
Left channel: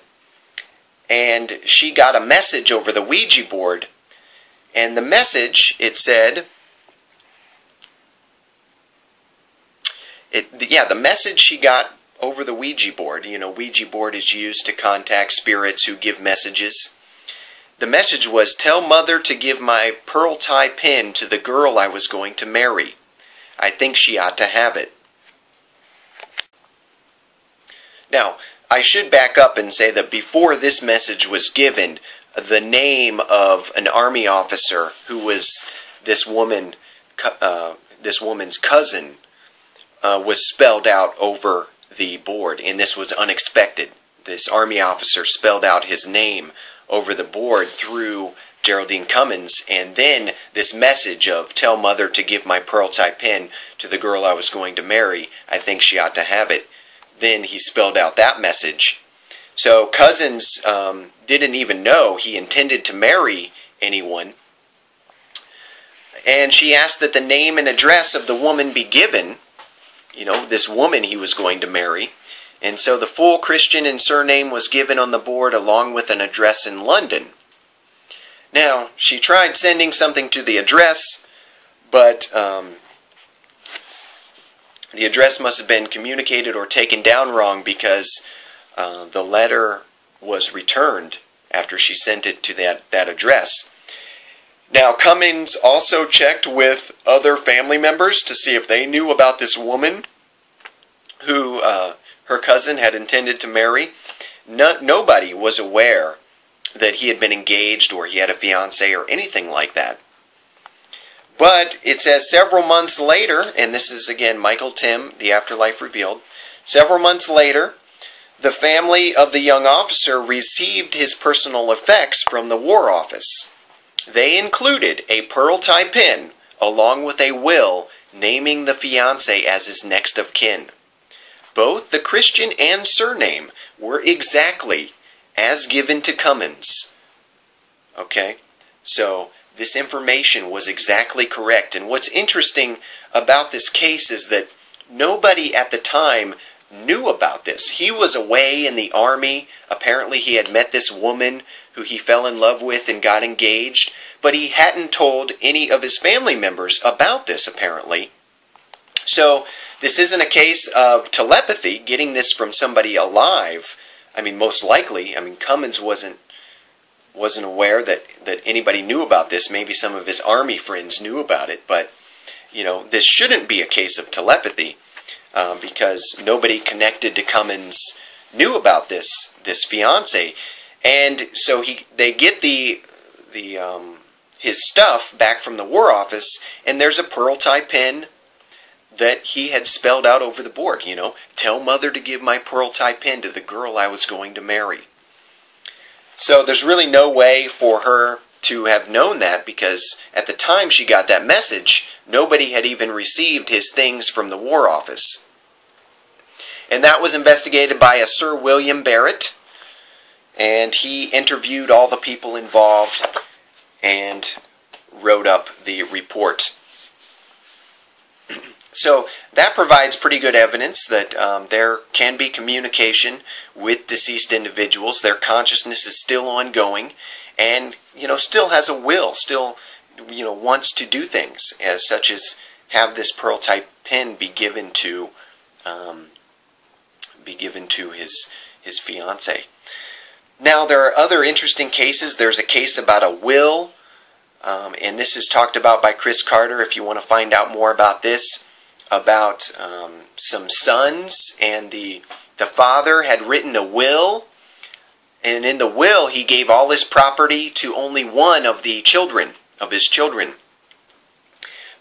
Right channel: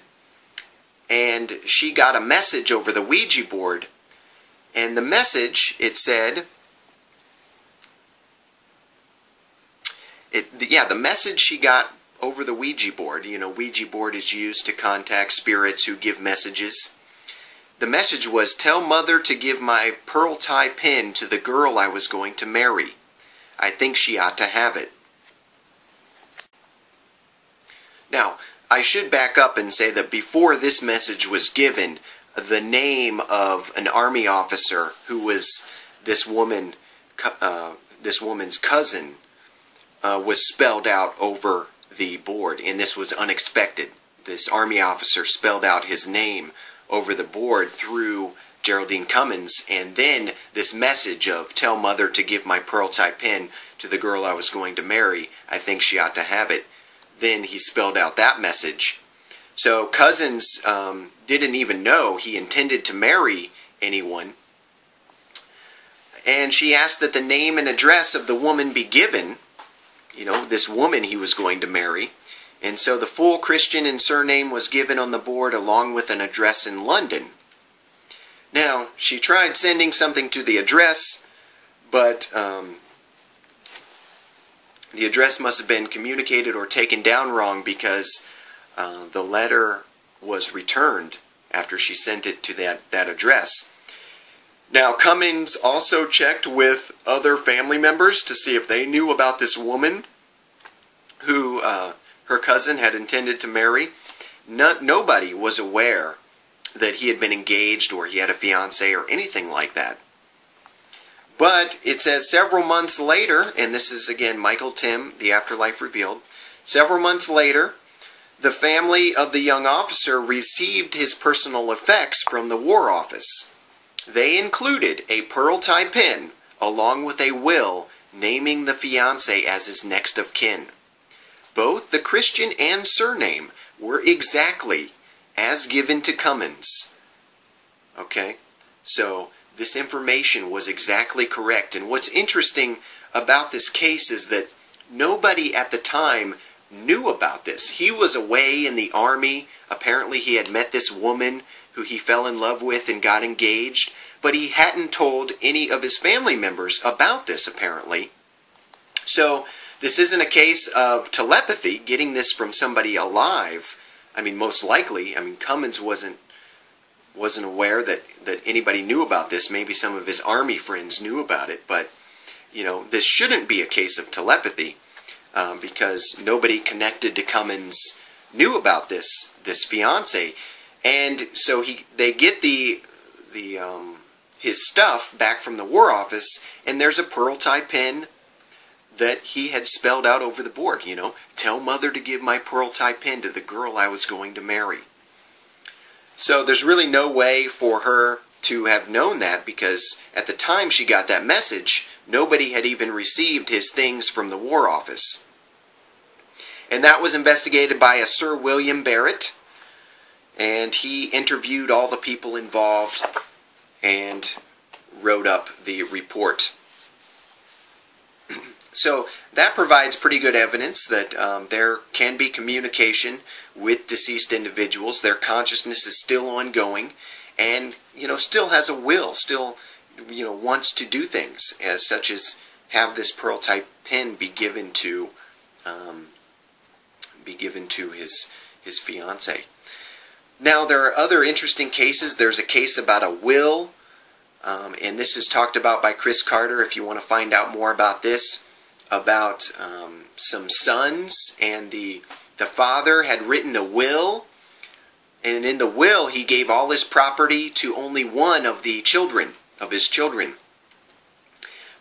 and she got a message over the Ouija board. And the message, it said, the message she got over the Ouija board, Ouija board is used to contact spirits who give messages. The message was, "Tell Mother to give my pearl tie pin to the girl I was going to marry. I think she ought to have it." Now, I should back up and say that before this message was given, the name of an army officer who was this woman's cousin was spelled out over the board, and this was unexpected. This army officer spelled out his name over the board through Geraldine Cummins, and then this message of, "Tell Mother to give my pearl tie pin to the girl I was going to marry. I think she ought to have it." Then he spelled out that message. So Cousins didn't even know he intended to marry anyone. And she asked that the name and address of the woman be given, this woman he was going to marry. And so the full Christian and surname was given on the board along with an address in London. Now, she tried sending something to the address, but the address must have been communicated or taken down wrong, because the letter was returned after she sent it to that address. Now, Cummins also checked with other family members to see if they knew about this woman who her cousin had intended to marry. Nobody was aware that he had been engaged or he had a fiancée or anything like that. But it says several months later, and this is again Michael Tim, The Afterlife Revealed, several months later, the family of the young officer received his personal effects from the War Office. They included a pearl tie pin along with a will naming the fiancé as his next of kin. Both the Christian and surname were exactly as given to Cummins. Okay, so this information was exactly correct. And what's interesting about this case is that nobody at the time knew about this. He was away in the army. Apparently he had met this woman who he fell in love with and got engaged, but he hadn't told any of his family members about this, apparently. So this isn't a case of telepathy, getting this from somebody alive. I mean, most likely, Cummins wasn't aware that anybody knew about this. Maybe some of his army friends knew about it, but this shouldn't be a case of telepathy, because nobody connected to Cummins knew about this fiance. And so they get his stuff back from the War Office, and there's a pearl tie pin that he had spelled out over the board. Tell Mother to give my pearl tie pin to the girl I was going to marry. So there's really no way for her to have known that, because at the time she got that message, nobody had even received his things from the War Office. And that was investigated by a Sir William Barrett, and he interviewed all the people involved and wrote up the report. So that provides pretty good evidence that there can be communication with deceased individuals. Their consciousness is still ongoing, and still has a will, still wants to do things, as such as have this pearl type pen be given to his fiance. Now there are other interesting cases. There's a case about a will, and this is talked about by Chris Carter. If you want to find out more about this, about some sons, and the father had written a will, and in the will he gave all his property to only one of the children, of his children.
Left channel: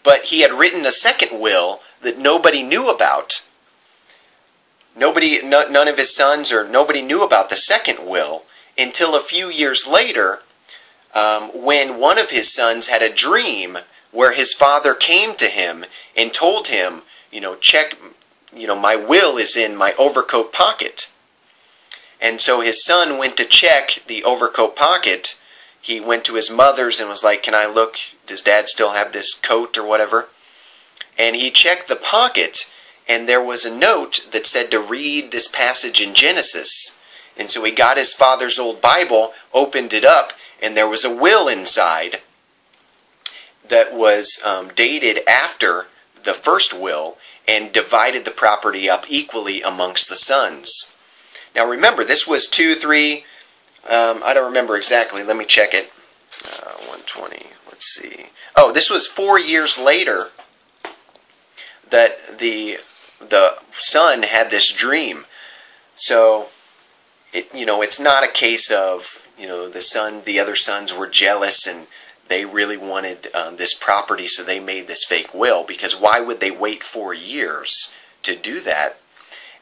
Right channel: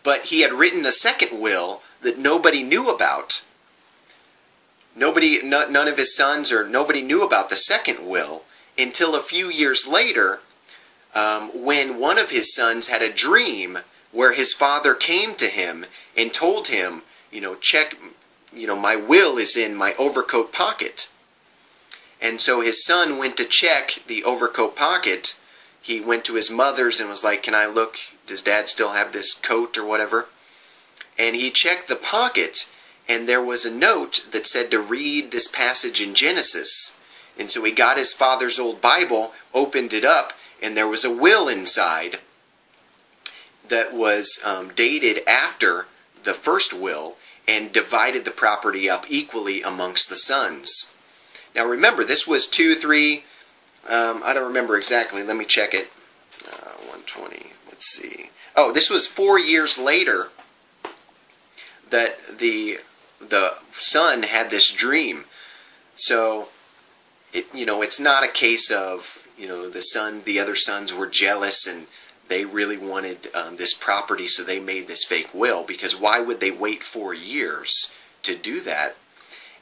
But he had written a second will that nobody knew about. None of his sons, or nobody knew about the second will until a few years later, when one of his sons had a dream where his father came to him and told him, check, my will is in my overcoat pocket. And so his son went to check the overcoat pocket. He went to his mother's and was like, can I look? Does Dad still have this coat or whatever? And he checked the pocket, and there was a note that said to read this passage in Genesis. And so he got his father's old Bible, opened it up, and there was a will inside that was dated after the first will, and divided the property up equally amongst the sons. Now remember, this was 2, 3, I don't remember exactly, let me check it. 120, let's see. Oh, this was 4 years later that the son had this dream. So, it's not a case of, the other sons were jealous and they really wanted this property, so they made this fake will, because why would they wait 4 years to do that?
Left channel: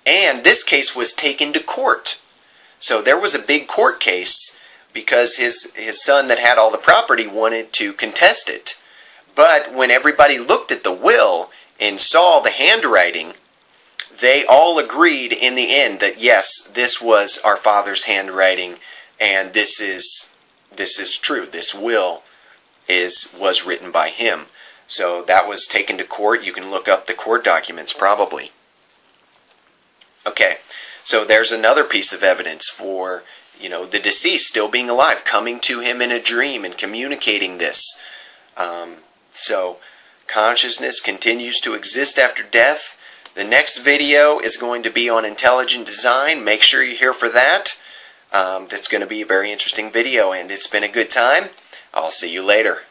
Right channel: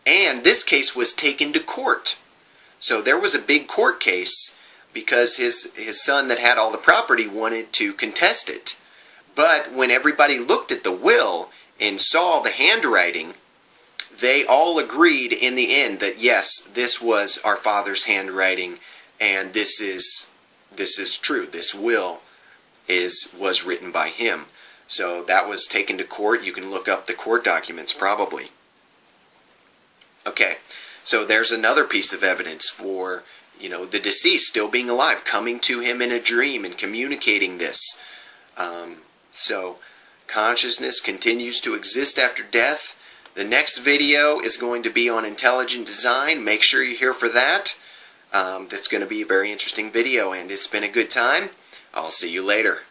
And this case was taken to court. So there was a big court case because his son that had all the property wanted to contest it. But when everybody looked at the will and saw the handwriting, they all agreed in the end that yes, this was our father's handwriting, and this is true. This will was written by him. So that was taken to court. You can look up the court documents probably. Okay, so there's another piece of evidence for the deceased still being alive, coming to him in a dream and communicating this. So consciousness continues to exist after death. The next video is going to be on intelligent design. Make sure you're here for that. That's going to be a very interesting video, and it's been a good time. I'll see you later.